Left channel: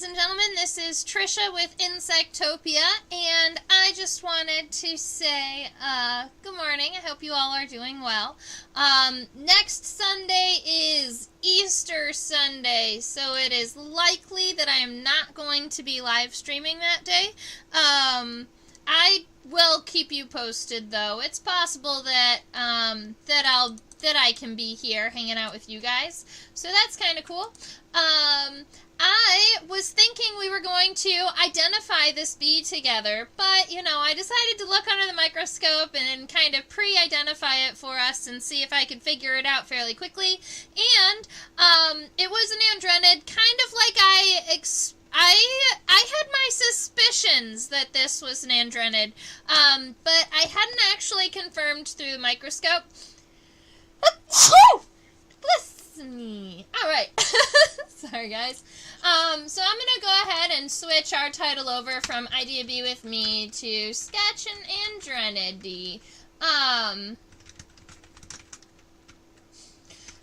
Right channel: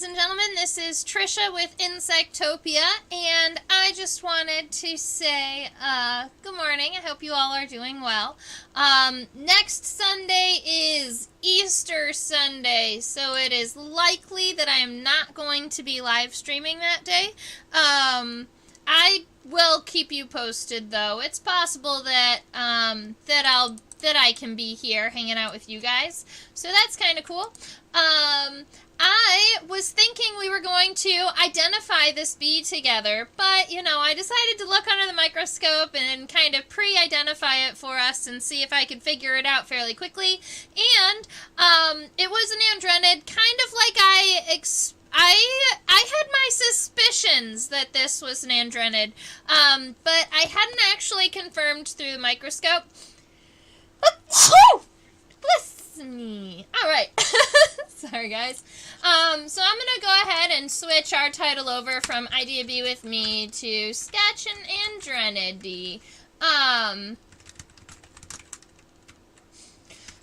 ladies and gentlemen. This is Trisha with Insectopia, and I just wanted to say good morning. I hope you all are doing well. Next Sunday is Easter Sunday, so it is likely that I am not going to be live streaming that day. I will keep you posted, though. It's possible that that I can be here hanging out with you guys, so that's kind of cool. I was thinking we were going to identify this bee together, but, you know, I decided to look under the microscope and kind of pre-identify it for us and see if I could figure it out fairly quickly. And it was an Andrenid, kind of like I had my suspicions that this was an Andrenid, but I hadn't actually confirmed through the microscope. Bless me. Alright. Sorry, guys. So I'm going to go ahead and switch our title over from Idea Be With Me to Sketch an Andrenid. The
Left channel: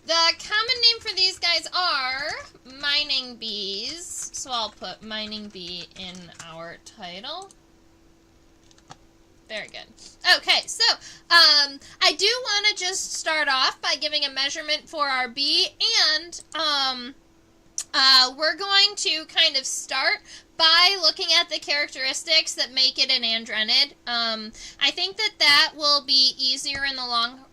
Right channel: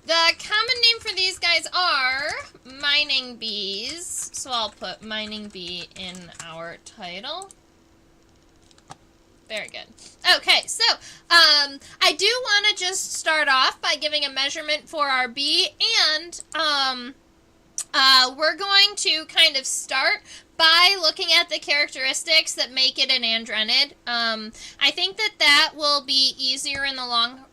common name for these guys are mining bees. So I'll put mining bee in our title. Very good. Okay, so I do want to just start off by giving a measurement for our bee, and we're going to kind of start by looking at the characteristics that make it an Andrenid. I think that will be easier in the long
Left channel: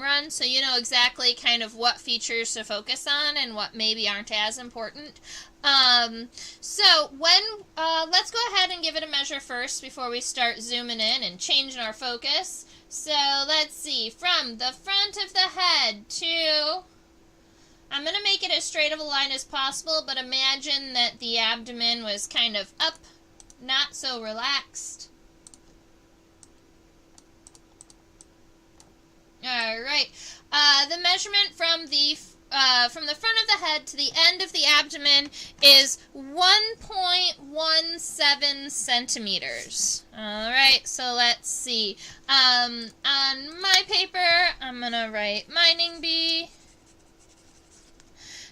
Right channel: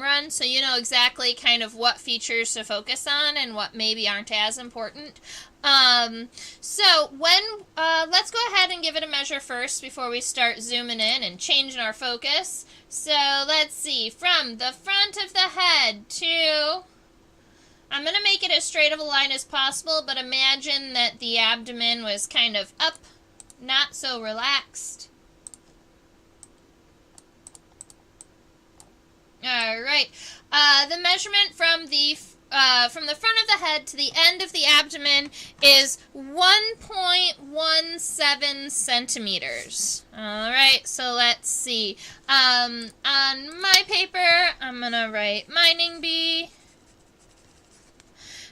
run, so you know exactly kind of what features to focus on and what maybe aren't as important. So let's go ahead and give it a measure first before we start zooming in and changing our focus. So let's see, from the front of the head to, I'm going to make it as straight of a line as possible, but imagine that the abdomen was kind of up, not so relaxed. Alright, the measurement from the front of the head to the end of the abdomen is 1.17 centimeters. Alright, so let's see. On my paper, I'm going to write mining bee.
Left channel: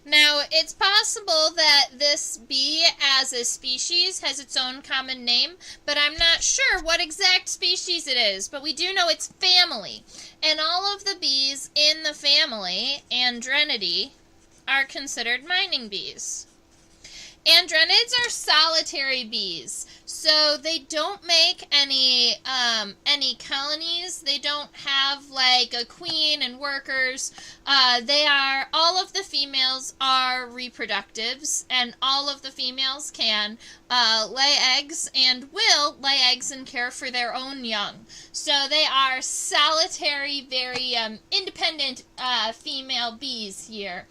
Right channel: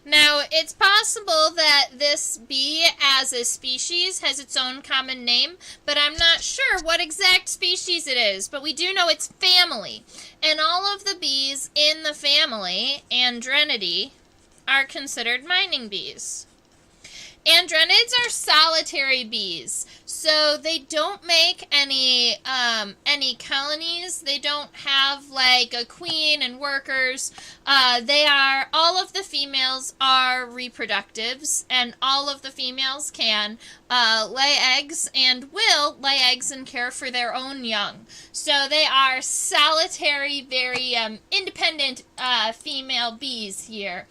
Now, it's possible that this bee as a species has its own common name, but I'm not sure what exact species it is, but we do know it's family. And all of the bees in the family, Andrenidae, are considered mining bees. Andrenids are solitary bees, so they don't make any colonies. They don't have like a queen and workers. All of the females are reproductives, and all of the females can lay eggs and will lay eggs and care for their own young. So they are solitary, very independent female bees here.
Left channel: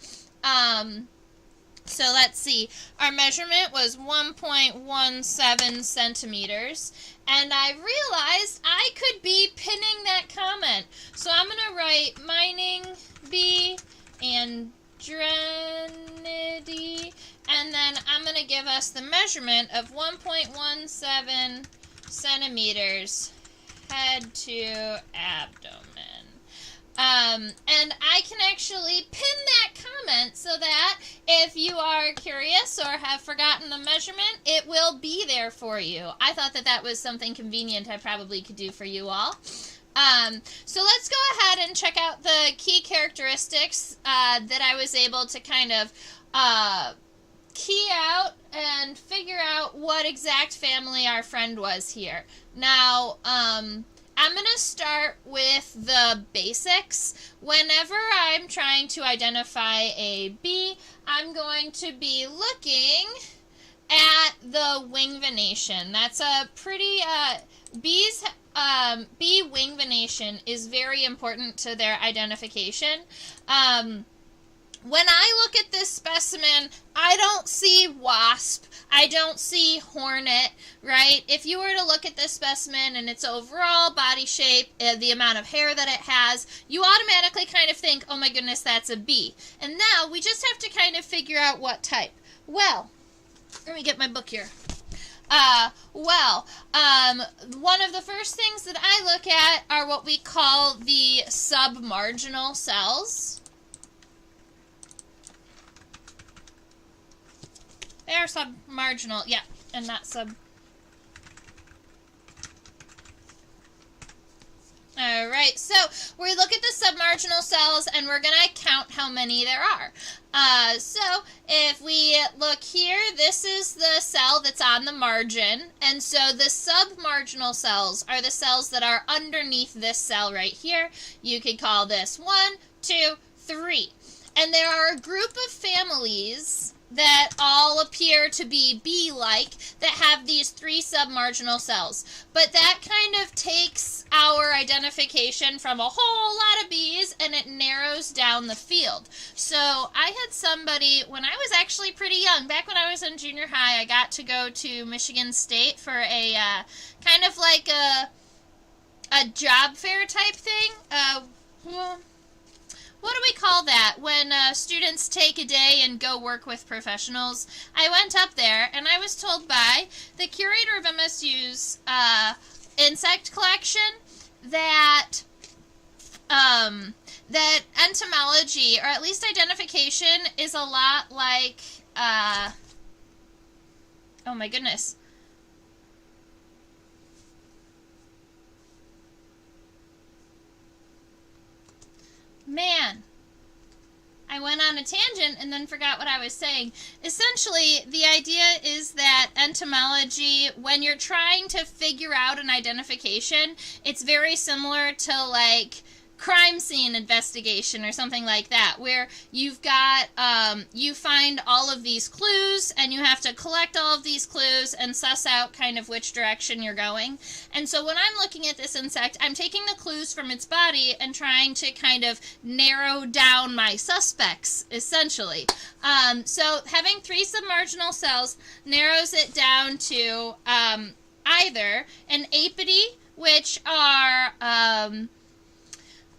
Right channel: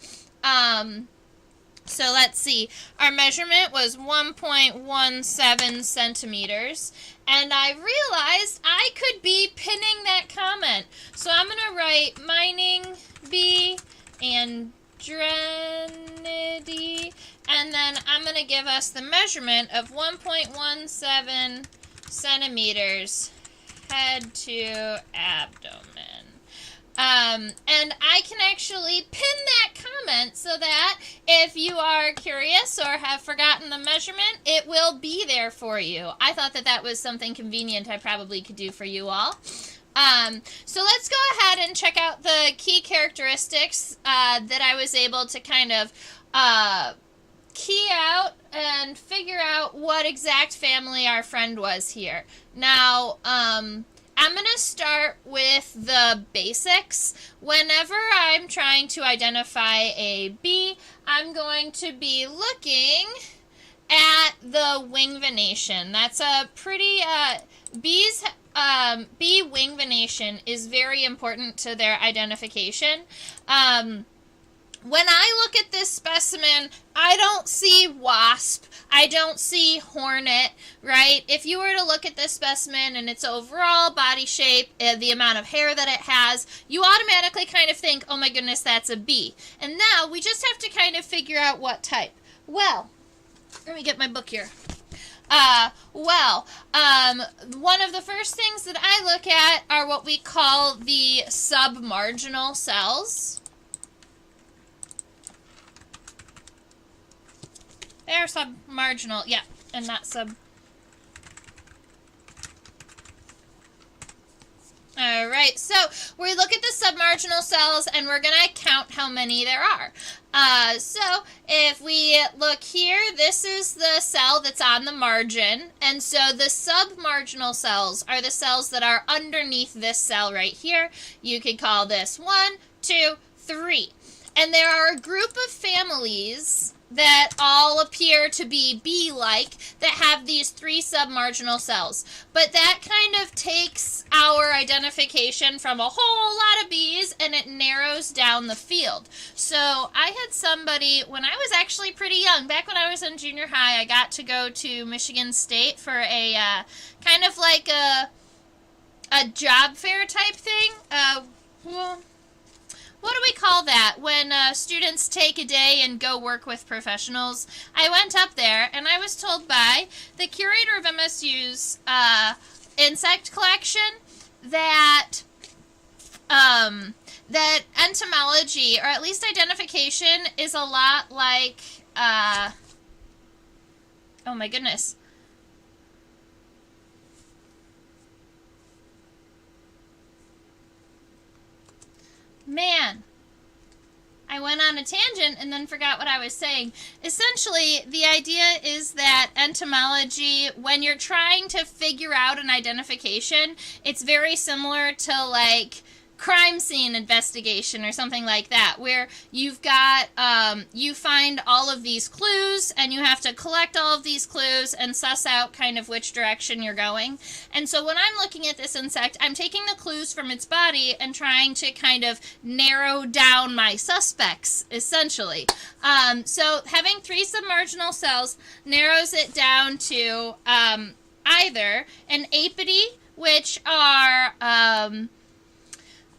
So let's see, our measurement was 1.17 centimeters, and I realized I could be pinning that comment. So I'm going to write mining bee Andrenidae, and then I'm going to give us the measurement of 1.17 centimeters head to abdomen. And I can actually pin that comment so that if you are curious or have forgotten the measurement, it will be there for you. I thought that was something convenient I probably could do for you all. So let's go ahead and check out the key characteristics that I was able to kind of key out and figure out what exact family our friend was here. Now, I'm going to start with the basics. Whenever I'm trying to identify a bee, I'm going to be looking at the wing venation. That's a pretty, bee wing venation is very important to their identification. When I look at this specimen, I don't see wasp, I don't see hornet, right? If you were to look at this specimen and its overall body shape, the amount of hair that it has, you automatically kind of think, oh my goodness, that's a bee. And now we just have to kind of figure out what type. Well, let me get my book here. One of the first things that I look at are what we call the submarginal cells. They are submarginal, yeah, and not sub. All right, so we look at the submarginal cells, and we're going to count how many there are. So if we look here, this is the cell that's on the margin, and so the submarginal cells are the cells that are underneath this cell right here. You could call this 1, 2, 3. And there are a group of families that all appear to be bee-like that have these 3 submarginal cells. But that kind of takes our identification from a whole lot of bees and it narrows down the field. So I had somebody, when I was actually pretty young, back when I was in junior high, I got to go to Michigan State for a kind of like a job fair type thing. What do we call that when students take a day and go work with professionals? I went up there and I was told by the curator of MSU's insect collection that that entomology, or at least identification, is a lot like oh my goodness. Man, I went on a tangent and then forgot what I was saying. Essentially, the idea is that entomology, when you're trying to figure out an identification, it's very similar to like crime scene investigation or something like that, where you've got, you find all of these clues and you have to collect all of these clues and suss out kind of which direction you're going. And so when I'm looking at this insect, I'm taking the clues from its body and trying to kind of narrow down my suspects, essentially. So having 3 submarginal cells narrows it down to either an apidae, which are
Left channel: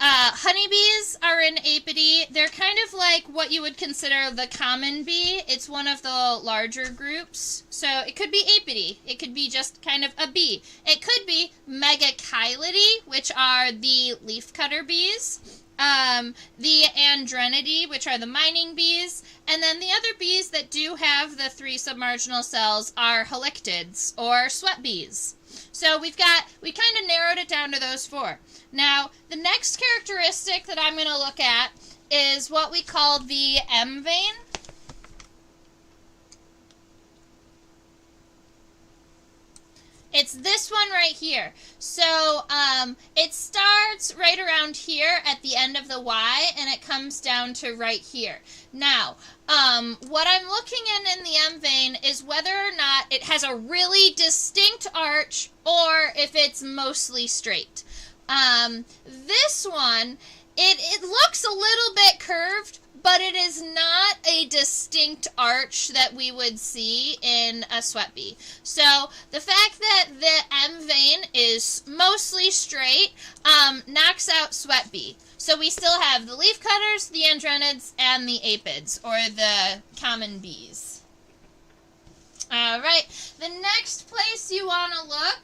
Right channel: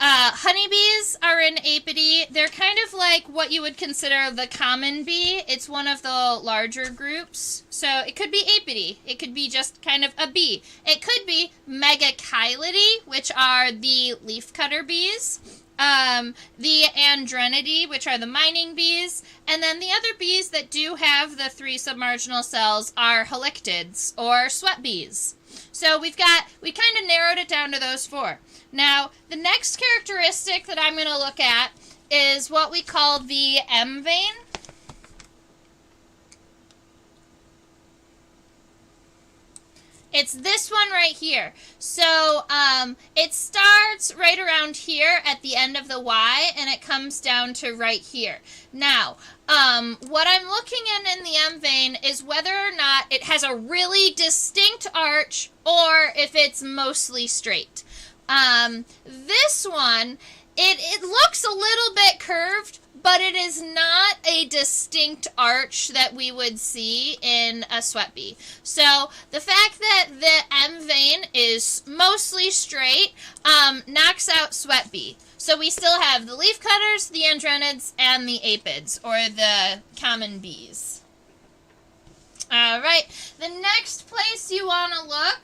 honeybees are an apidae. They're kind of like what you would consider the common bee. It's one of the larger groups. So it could be apidae. It could be just kind of a bee. It could be megachilidae, which are the leafcutter bees. The Andrenidae, which are the mining bees. And then the other bees that do have the 3 submarginal cells are halictids, or sweat bees. So we kind of narrowed it down to those 4. Now, the next characteristic that I'm going to look at is what we call the M vein. It's this one right here. So it starts right around here at the end of the Y, and it comes down to right here. Now, what I'm looking in the M vein is whether or not it has a really distinct arch or if it's mostly straight. This one, it looks a little bit curved, but it is not a distinct arch that we would see in a sweat bee. So the fact that the M vein is mostly straight knocks out sweat bee. So we still have the leafcutters, the andrenids, and the apids, or the common bees. All right, the next place you want to look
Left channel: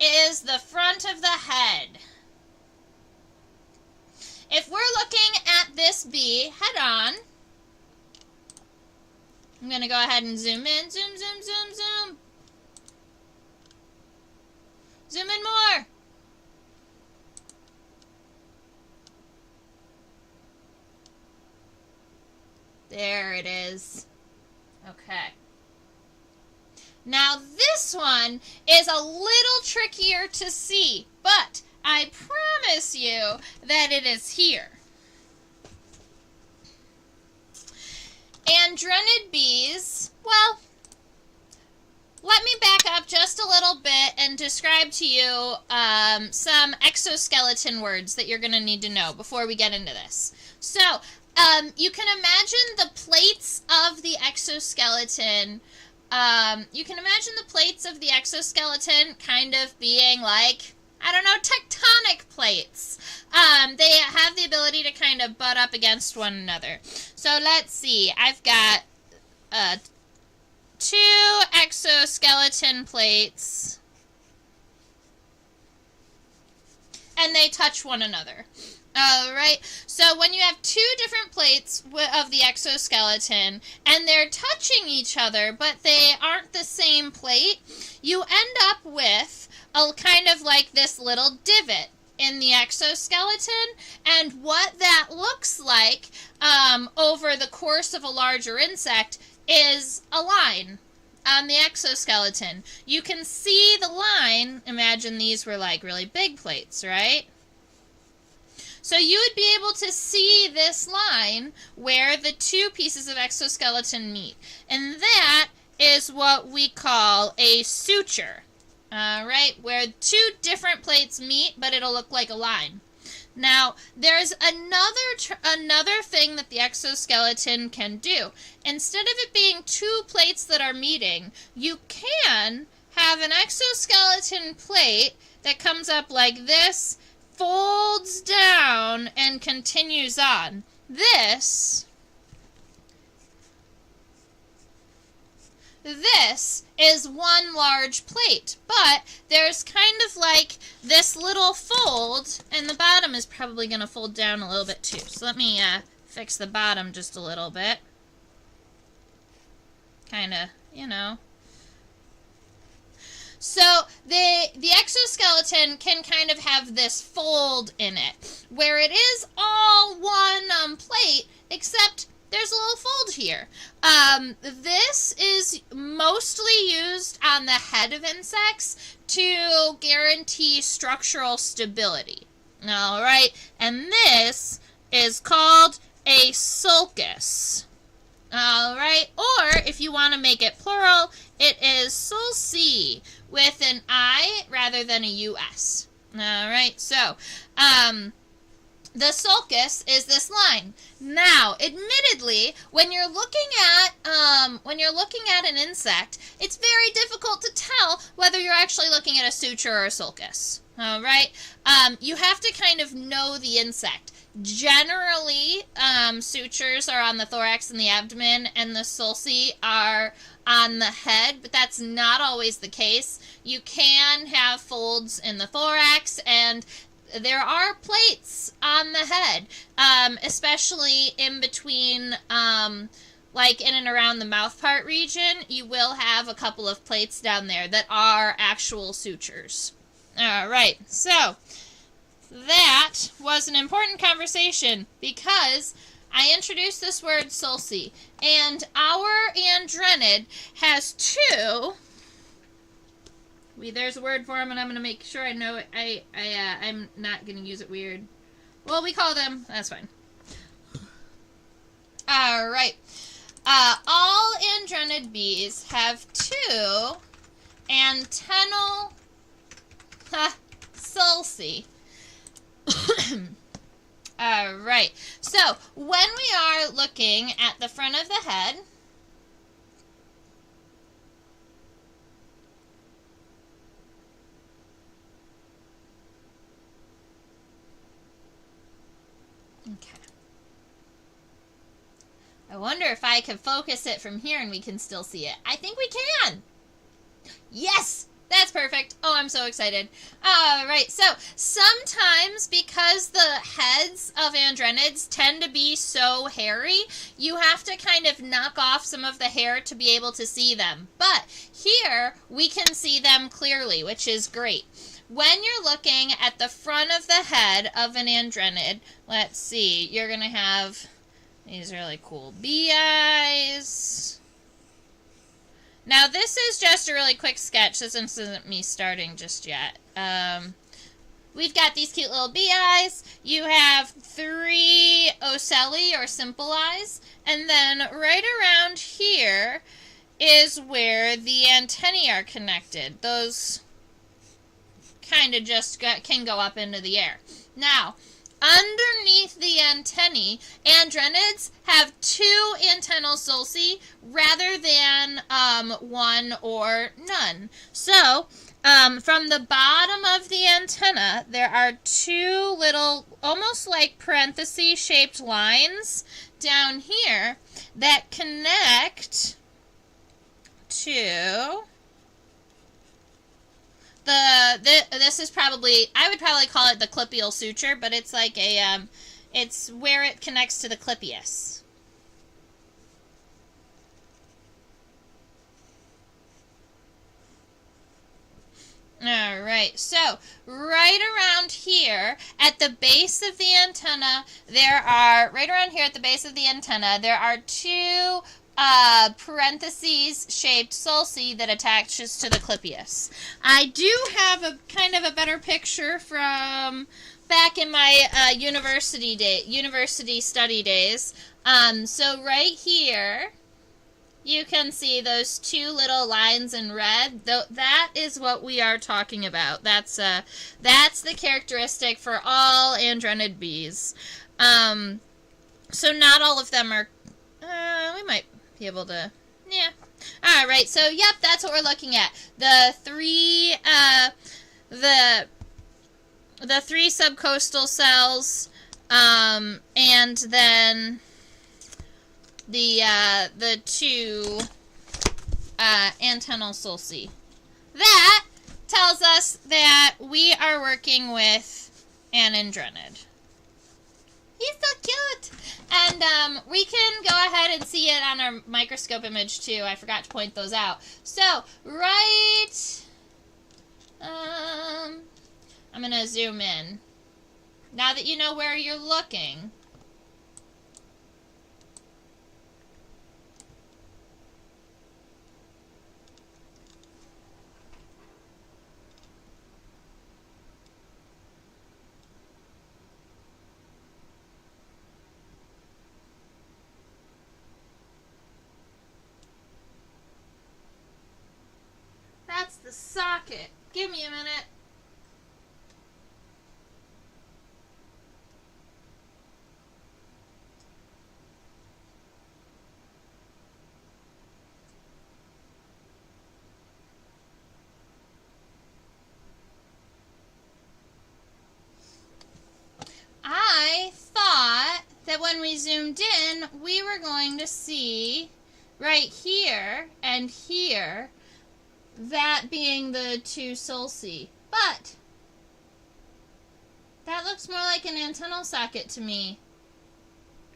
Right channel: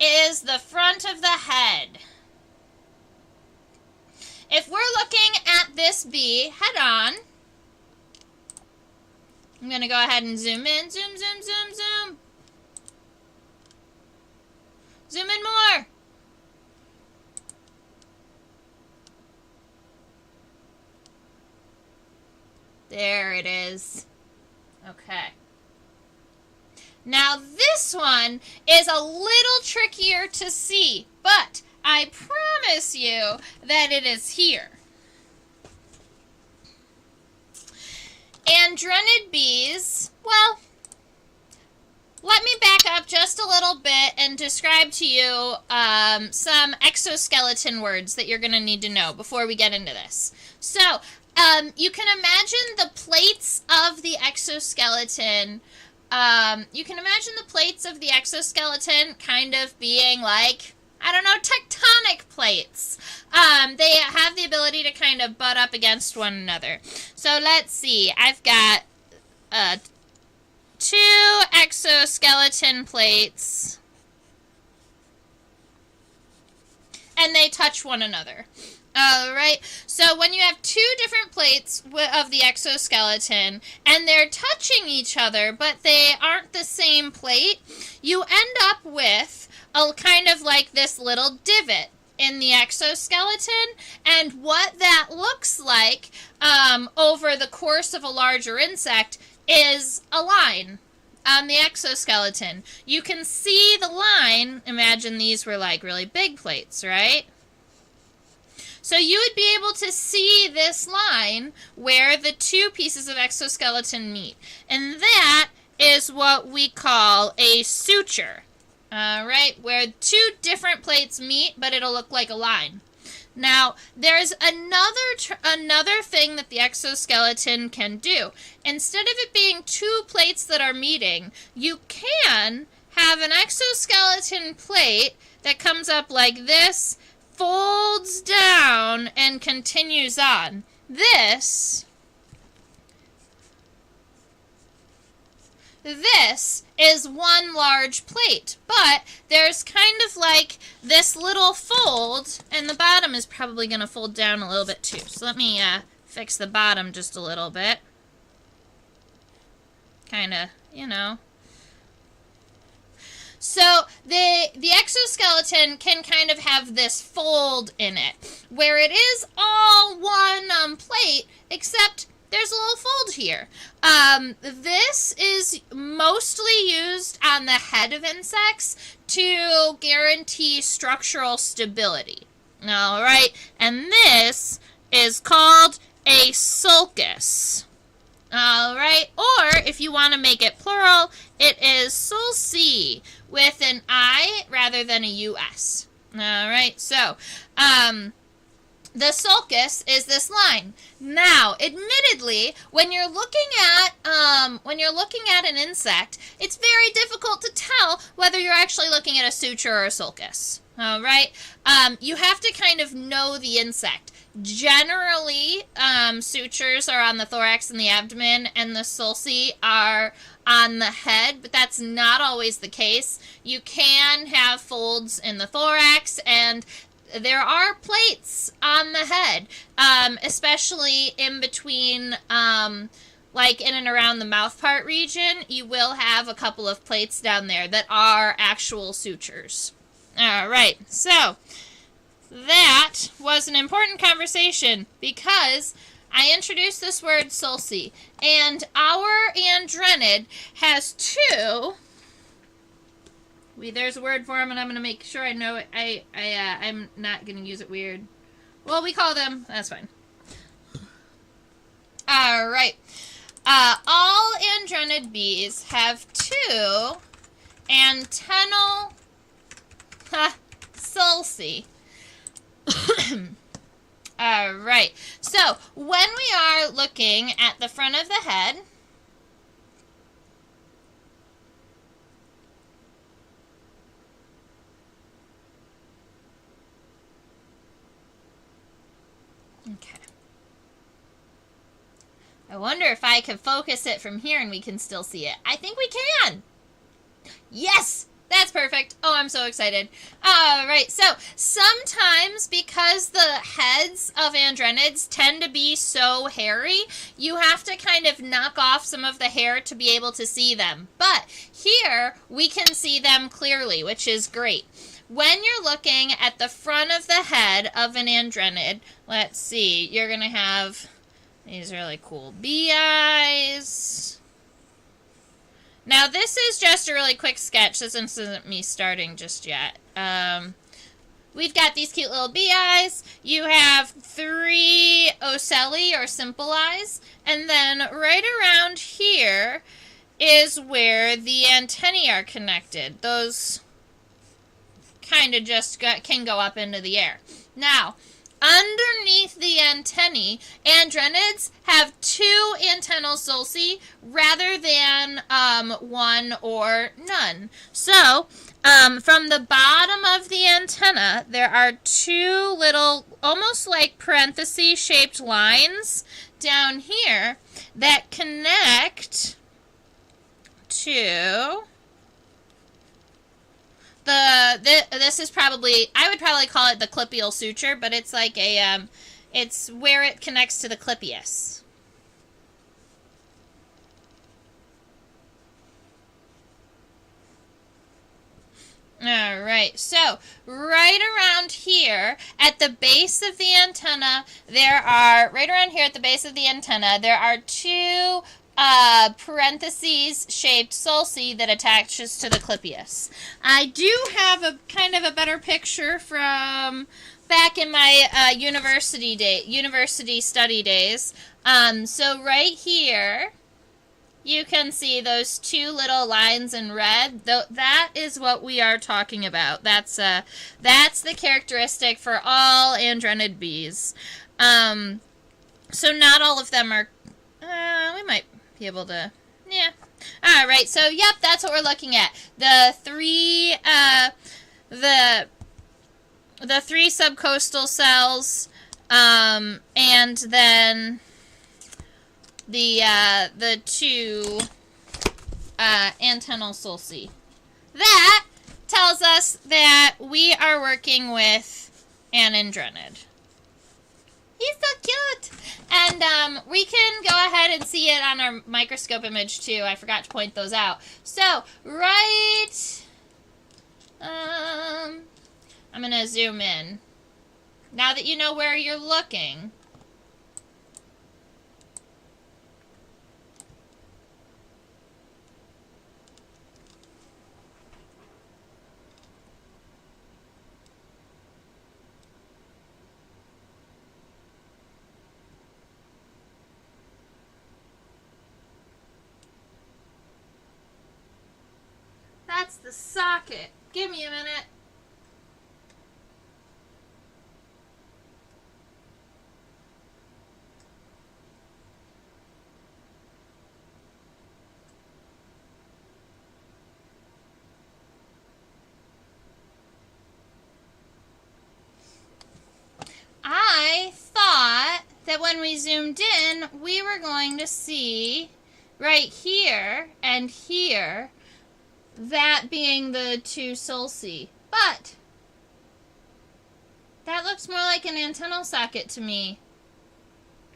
is the front of the head. If we're looking at this bee head on, I'm going to go ahead and zoom in. Zoom, zoom, zoom, zoom. Zoom in more. There it is. Okay. Now this one is a little trickier to see, but I promise you that it is here. Andrenid bees, well, let me back up just a little bit and describe to you some exoskeleton words that you're going to need to know before we get into this. So, you can imagine the plates of the exoskeleton. You can imagine the plates of the exoskeleton kind of being like, I don't know, tectonic plates. They have the ability to kind of butt up against one another. So let's see. I've got 2 exoskeleton plates. and they touch one another. All right, so when you have two different plates of the exoskeleton and they're touching each other, but they aren't the same plate, you end up with a kind of like this little divot in the exoskeleton, and what that looks like over the course of a larger insect is a line on the exoskeleton. You can see the line. Imagine these were like really big plates, right? So you would be able to see this line where the two pieces of exoskeleton meet. And that is what we call a suture. Right? Where two different plates meet, but it'll look like a line. Now, there's another thing that the exoskeleton can do. Instead of it being two plates that are meeting, you can have an exoskeleton plate that comes up like this, folds down, and continues on. This is one large plate, but there's kind of like this little fold, and the bottom is probably going to fold down a little bit too. So let me fix the bottom just a little bit. Kind of, you know. So the exoskeleton can kind of have this fold in it, where it is all one plate, except there's a little fold here. This is mostly used on the head of insects to guarantee structural stability. All right, and this is called a sulcus. All right, or if you want to make it plural, it is sulci with an I rather than a US. All right, so the sulcus is this line. Now, admittedly, when you're looking at an insect, it's very difficult to tell whether you're actually looking at a suture or a sulcus. All right, you have to kind of know the insect. Generally, sutures are on the thorax and the abdomen, and the sulci are on the head, but that's not always the case. You can have folds in the thorax, and there are plates on the head, especially in between, like in and around the mouth part region. You will have a couple of plates down there that are actual sutures. All right, so that was an important conversation because I introduced this word sulci, and our Andrenid has two. There's a word for them, and I'm going to make sure I know it. I'm not going to use it weird. Well, we call them. That's fine. All right. All Andrenid bees have two antennal sulci. All right. So when we are looking at the front of the head, okay. I wonder if I can focus it from here and we can still see it. I think we can. Yes! That's perfect. Oh, I'm so excited. All right, so sometimes because the heads of Andrenids tend to be so hairy, you have to kind of knock off some of the hair to be able to see them. But here, we can see them clearly, which is great. When you're looking at the front of the head of an Andrenid, let's see, you're going to have these really cool bee eyes. Now, this is just a really quick sketch. This isn't me starting just yet. We've got these cute little bee eyes. You have 3 ocelli, or simple eyes. And then right around here is where the antennae are connected. Those kind of just can go up into the air. Now, underneath the antennae, Andrenids have 2 antennal sulci rather than 1 or none. So, from the bottom of the antenna, there are 2 little, almost like parenthesis-shaped lines down here that connect to this is probably, I would probably call it the clipial suture, but it's like a it's where it connects to the clipeus. All right, so right around here at the base of the antenna, there are two parentheses shaped sulci that attaches to the clipeus. I do have a kind of a better picture from back in my university study days. So right here, you can see those two little lines in red. That is what we are talking about. That's the characteristic for all Andrenid bees. So not all of them are. We might be able to. Yeah. All right. So yep, that's what we're looking at. The three subcostal cells, and then the two antennal sulci. That tells us that we are working with an Andrenid. He's so cute! And we can go ahead and see it on our microscope image too. I forgot to point those out. So, right... I'm going to zoom in. Now that you know where you're looking... That's the socket. Give me a minute. I thought that when we zoomed in, we were going to see right here and here, that being the two sulci. But that looks more like an antennal socket to me.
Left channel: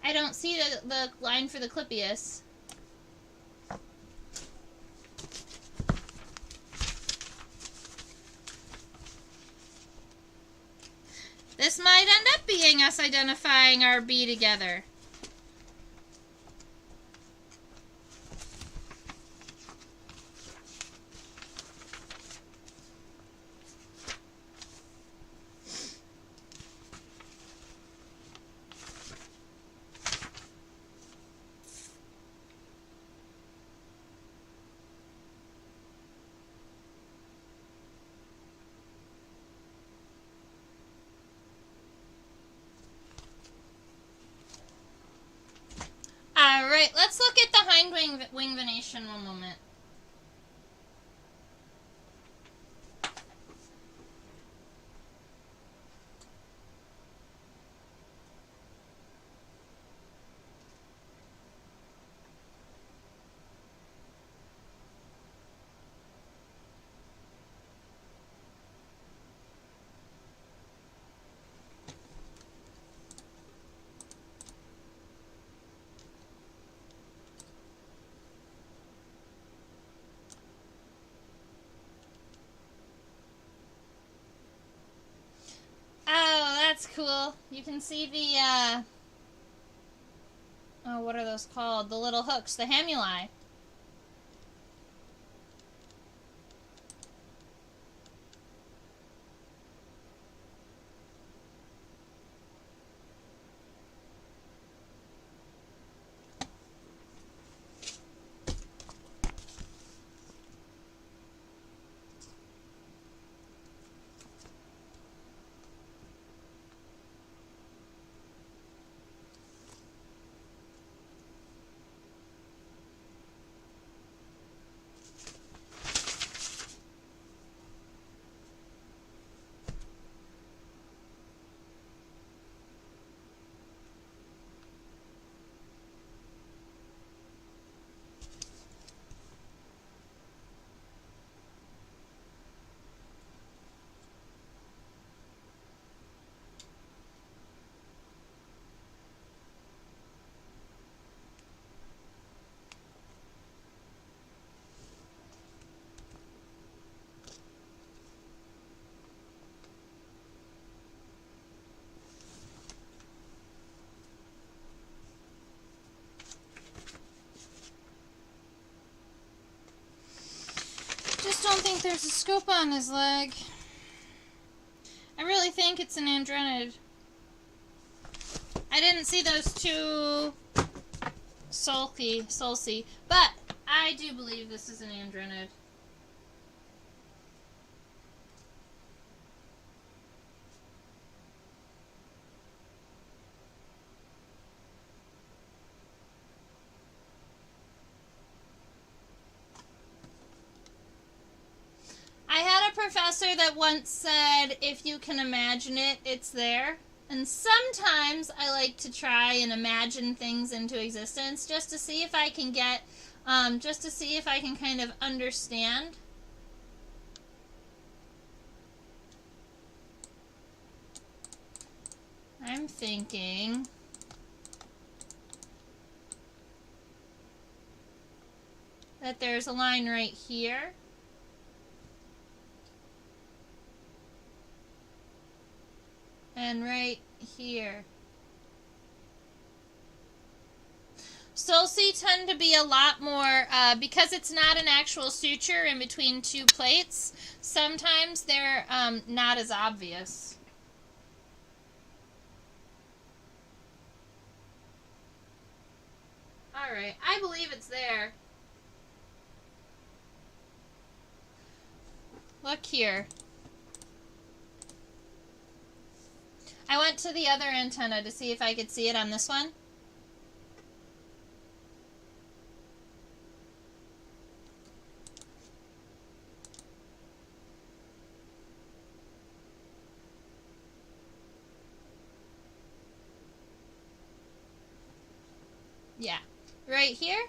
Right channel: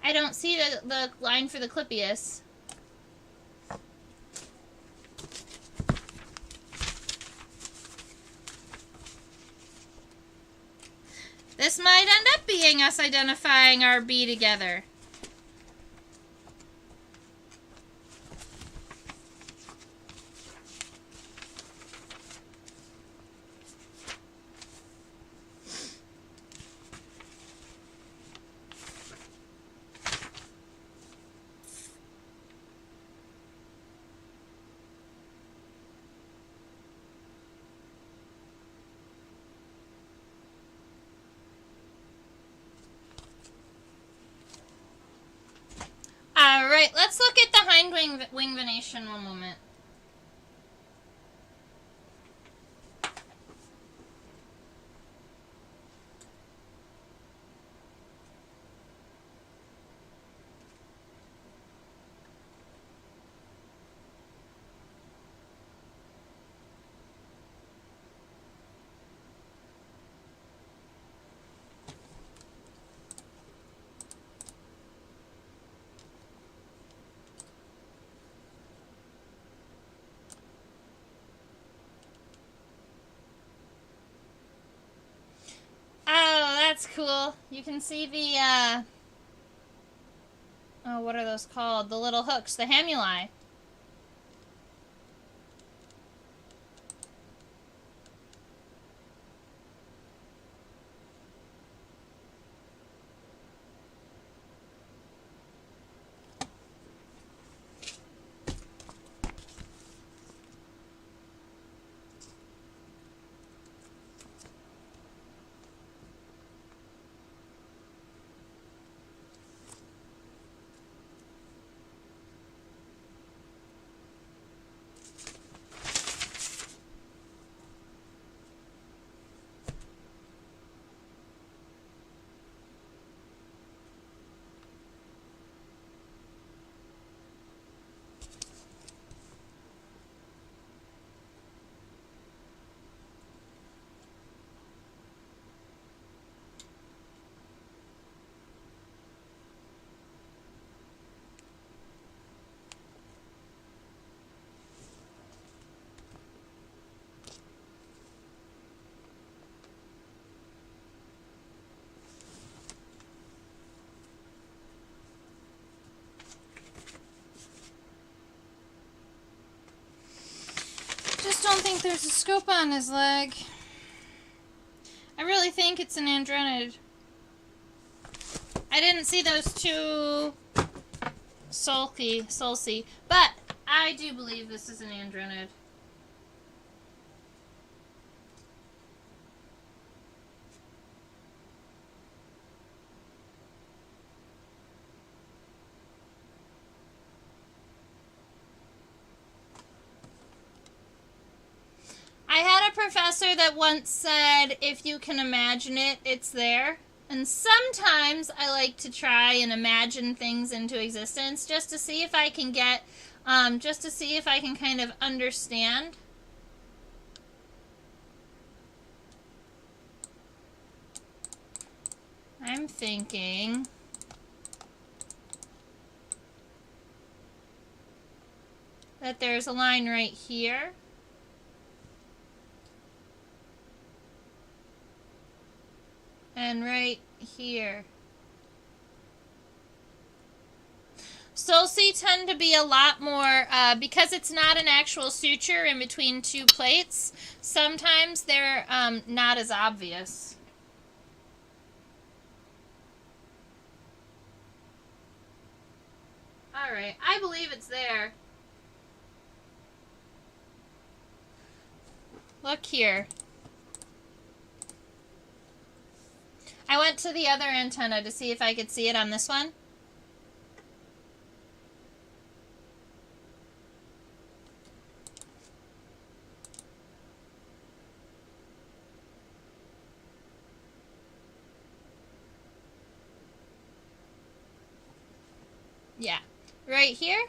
I don't see the line for the clipeus. This might end up being us identifying our bee together. Alright, let's look at the hind wing venation one moment. That's cool. You can see the, oh, what are those called? The little hooks, the hamuli. just don't think there's a scope on his leg. I really think it's an Andrenid. I didn't see those two sulci, but I do believe this is an Andrenid. I had a professor that once said, if you can imagine it, it's there. And sometimes I like to try and imagine things into existence just to see if I can get, just to see if I can kind of understand. I'm thinking that there's a line right here. And right here. Sulci tend to be a lot more, because it's not an actual suture in between two plates, sometimes they're not as obvious. Alright, I believe it's there. Look here. I went to the other antenna to see if I could see it on this one. Yeah, right here.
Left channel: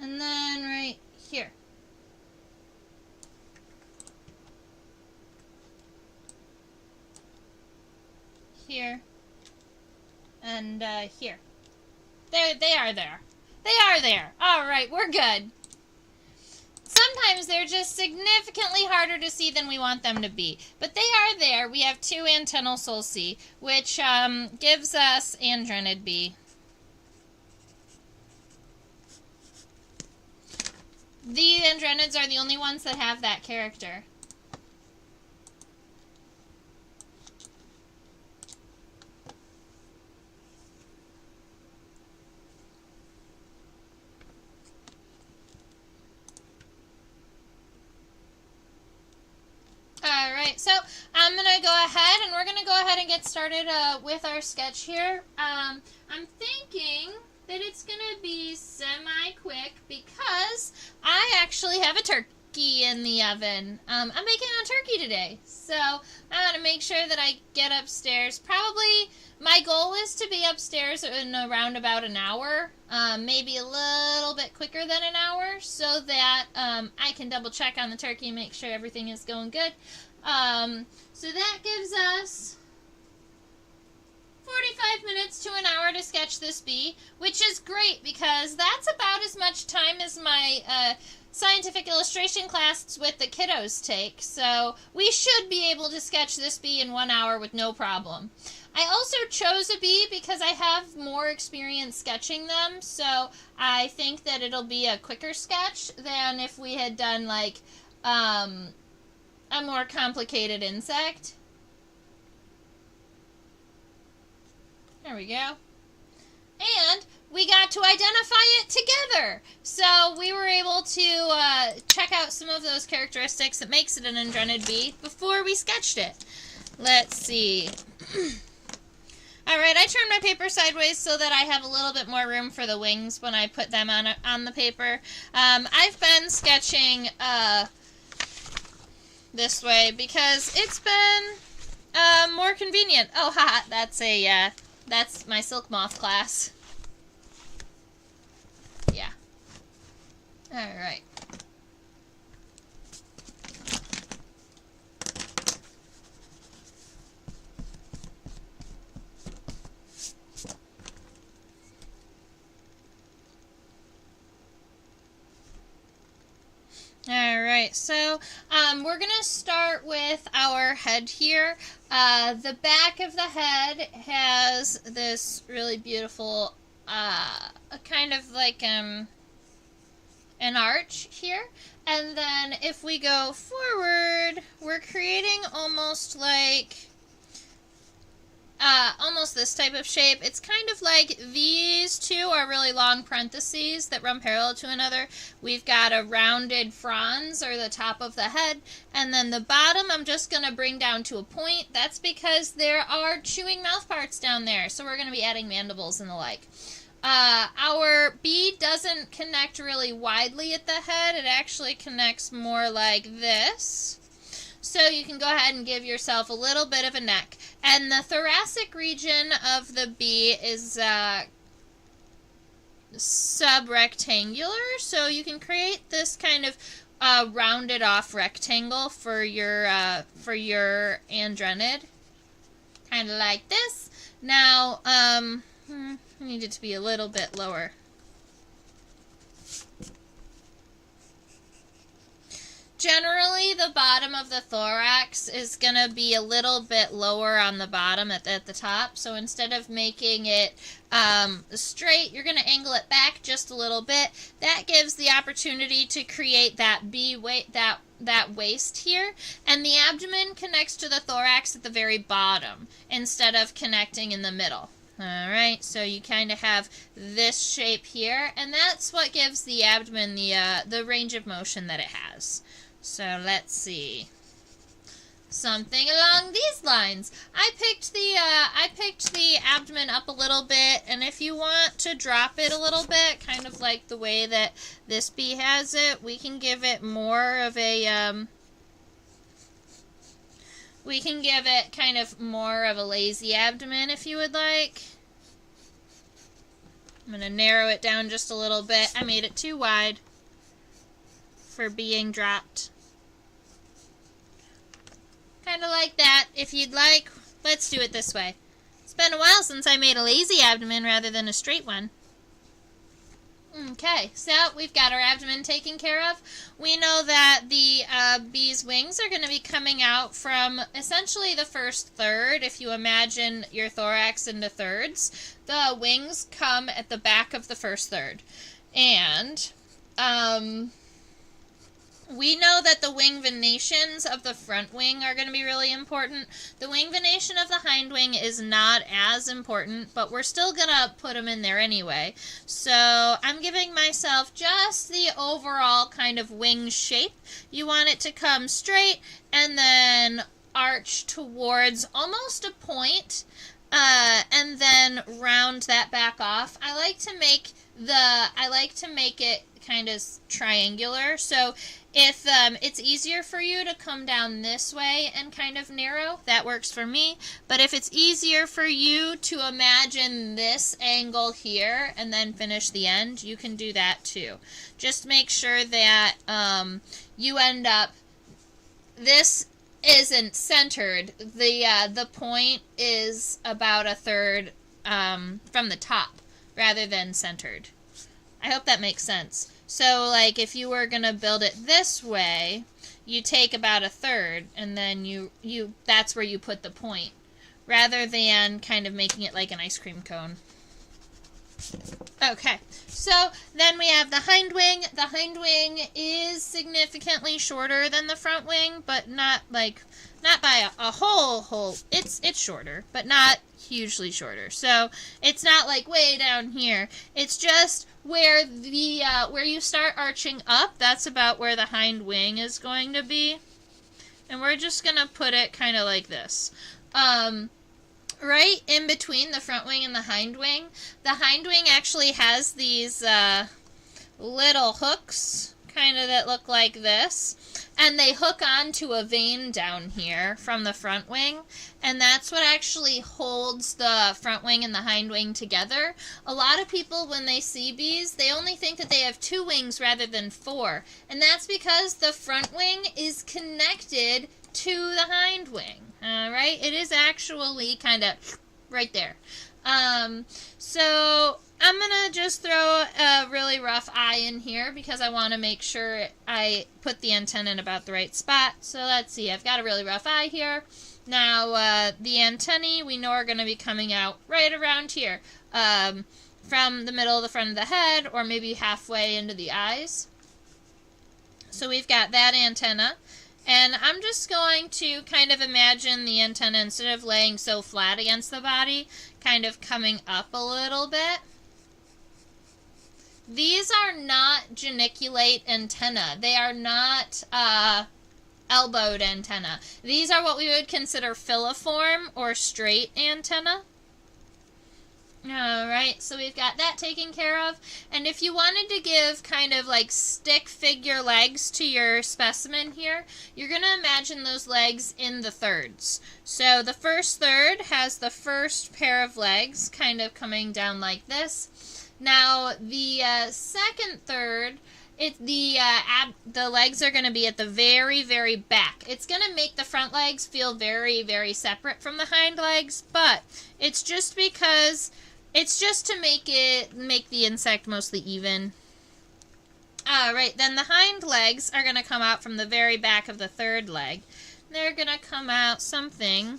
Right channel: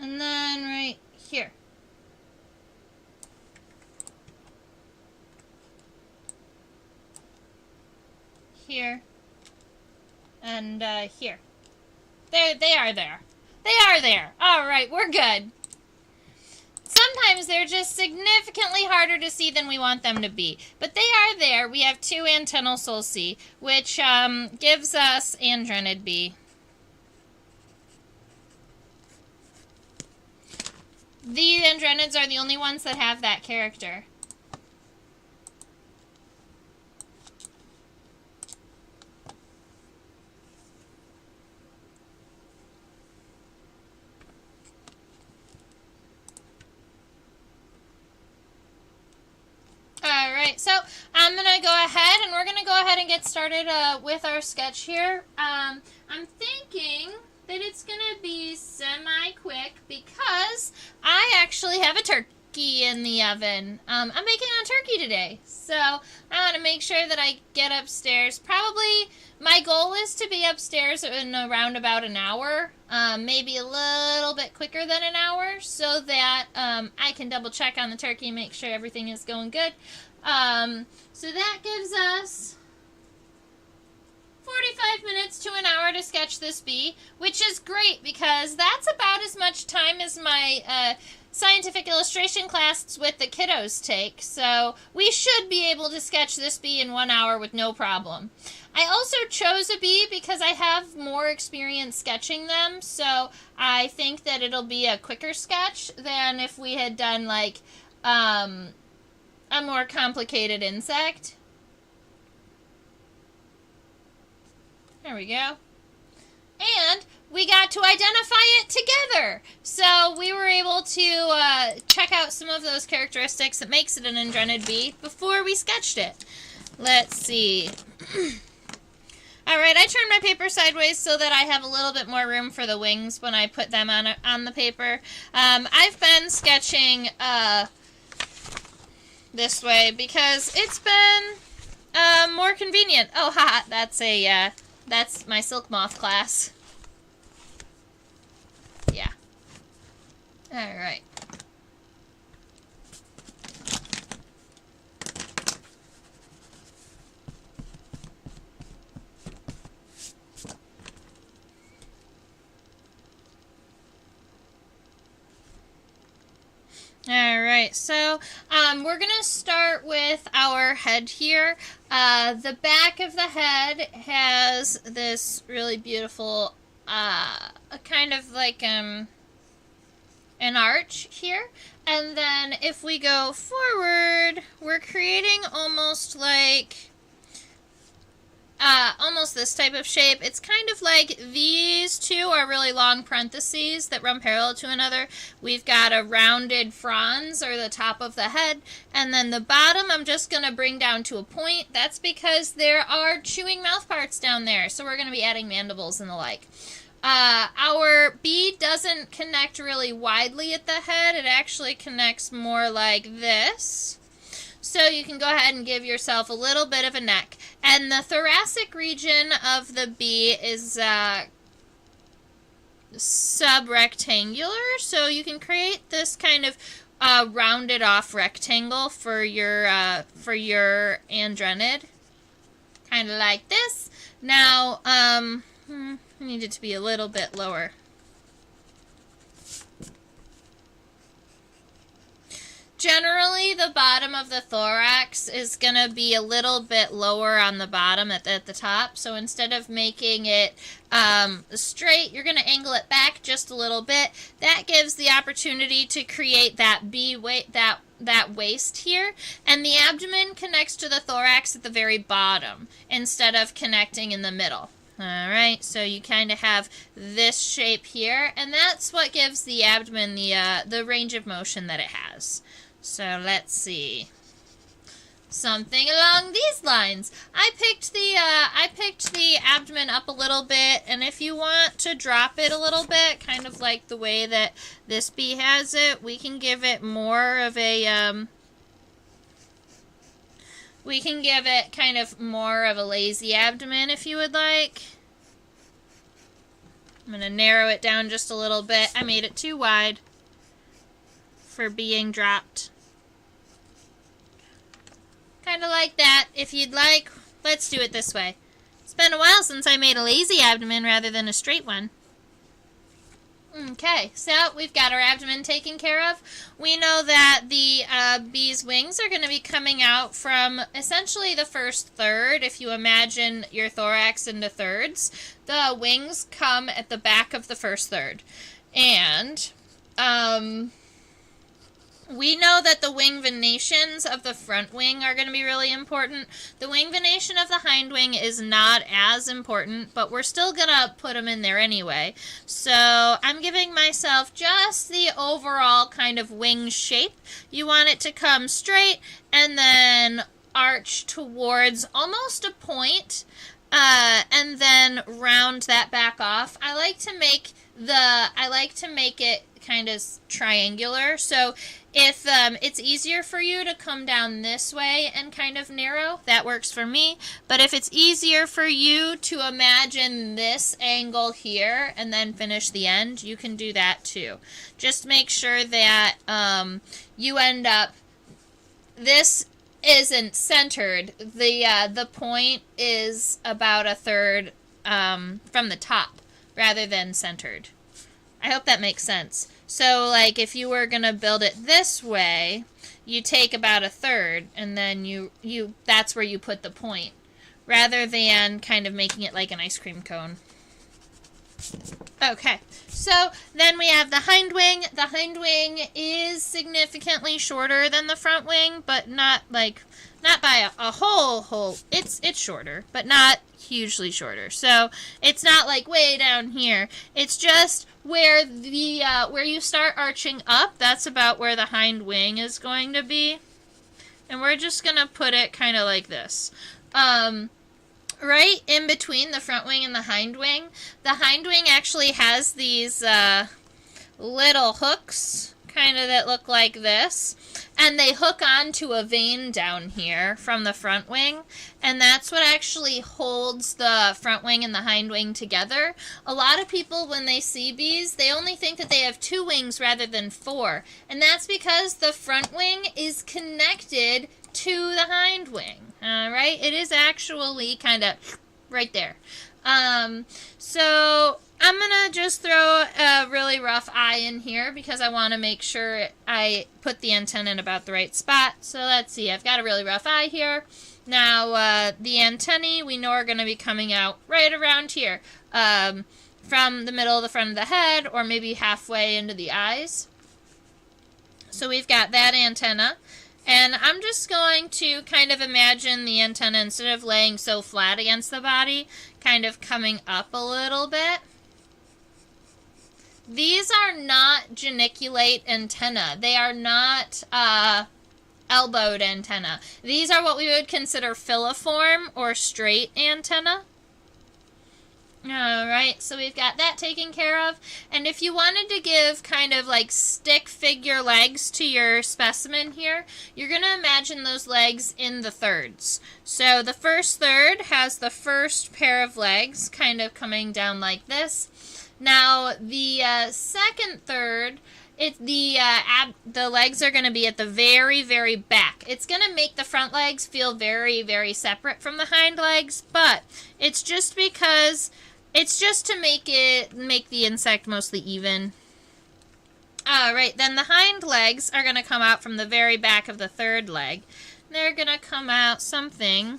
And then right here. Here and here. They are there. They are there. All right, we're good. Sometimes they're just significantly harder to see than we want them to be, but they are there. We have two antennal sulci, which gives us Andrenid B. The Andrenids are the only ones that have that character. Alright, so I'm going to go ahead and we're going to go ahead and get started with our sketch here. I'm thinking that it's going to be semi-quick because I actually have a turkey in the oven. I'm making a turkey today, so I want to make sure that I get upstairs. Probably my goal is to be upstairs in around about an hour, maybe a little bit quicker than an hour, so that I can double check on the turkey and make sure everything is going good. So that gives us 45 minutes to an hour to sketch this bee, which is great because that's about as much time as my scientific illustration class with the kiddos take. So we should be able to sketch this bee in 1 hour with no problem. I also chose a bee because I have more experience sketching them, so I think that it'll be a quicker sketch than if we had done like a more complicated insect. There we go. And we got to identify it together. So we were able to check out some of those characteristics that makes it an Andrenid bee before we sketched it. Let's see. Alright, I turned my paper sideways so that I have a little bit more room for the wings when I put them on the paper. I've been sketching this way because it's been more convenient. Oh, haha, that's my silk moth class. Yeah. Alright. Alright, so we're going to start with our head here. The back of the head has this really beautiful, kind of like an arch here. And then if we go forward, we're creating almost like almost this type of shape. It's kind of like these two are really long parentheses that run parallel to another. We've got a rounded frons, or the top of the head, and then the bottom I'm just going to bring down to a point. That's because there are chewing mouth parts down there, so we're going to be adding mandibles and the like. Our bee doesn't connect really widely at the head. It actually connects more like this. So you can go ahead and give yourself a little bit of a neck. And the thoracic region of the bee is subrectangular. So you can create this kind of rounded off rectangle for your Andrenid. Kind of like this. Now, I need it to be a little bit lower. Generally, the bottom of the thorax is going to be a little bit lower on the bottom at the top. So instead of making it straight, you're going to angle it back just a little bit. That gives the opportunity to create that bee that waist here. And the abdomen connects to the thorax at the very bottom instead of connecting in the middle. Alright, so you kind of have this shape here, and that's what gives the abdomen the range of motion that it has. So let's see. Something along these lines. I picked the abdomen up a little bit, and if you want to drop it a little bit, kind of like the way that this bee has it, we can give it more of a we can give it kind of more of a lazy abdomen if you would like. I'm going to narrow it down just a little bit. I made it too wide for being dropped. Kind of like that. If you'd like, let's do it this way. It's been a while since I made a lazy abdomen rather than a straight one. Okay, so we've got our abdomen taken care of. We know that the bee's wings are going to be coming out from essentially the first third. If you imagine your thorax into thirds, the wings come at the back of the first third. And we know that the wing venations of the front wing are going to be really important. The wing venation of the hind wing is not as important, but we're still going to put them in there anyway. So I'm giving myself just the overall kind of wing shape. You want it to come straight and then arch towards almost a point, and then round that back off. I like to make it kind of triangular. So if it's easier for you to come down this way and kind of narrow, that works for me. But if it's easier for you to imagine this angle here and then finish the end, you can do that too. Just make sure that you end up, this isn't centered. The point is about a third from the top rather than centered. I hope that makes sense. So, like, if you were going to build it this way, you take about a third, and then that's where you put the point, rather than kind of making it like an ice cream cone. Okay, so then we have the hind wing. The hind wing is significantly shorter than the front wing, but not by a whole. It's shorter, but not hugely shorter. So it's not like way down here. It's just where where you start arching up. That's about where the hind wing is going to be, and we're just gonna put it kind of like this. Right in between the front wing and the hind wing. The hind wing actually has these little hooks, kind of, that look like this, and they hook onto a vein down here from the front wing, and that's what actually holds the front wing and the hind wing together. A lot of people, when they see bees, they only think that they have 2 wings rather than 4, and that's because the front wing is connected to the hind wing. Alright, it is actually kind of right there. So I'm going to just throw a really rough eye in here because I want to make sure I put the antenna in about the right spot. So let's see, I've got a really rough eye here. Now, the antennae we know are going to be coming out right around here, from the middle of the front of the head, or maybe halfway into the eyes. So we've got that antenna. And I'm just going to kind of imagine the antenna, instead of laying so flat against the body, kind of coming up a little bit. These are not geniculate antenna. They are not elbowed antenna. These are what we would consider filiform or straight antenna. Alright, so we've got that taken care of. And if you wanted to give kind of like stick figure legs to your specimen here, you're going to imagine those legs in the thirds. So the first third has the first pair of legs kind of coming down like this. Now the second third, the legs are going to be at the very, very back. It's going to make the front legs feel very, very separate from the hind legs, but it's just because... it's just to make the insect mostly even. Alright, then the hind legs are going to come out from the very back of the third leg. They're going to come out something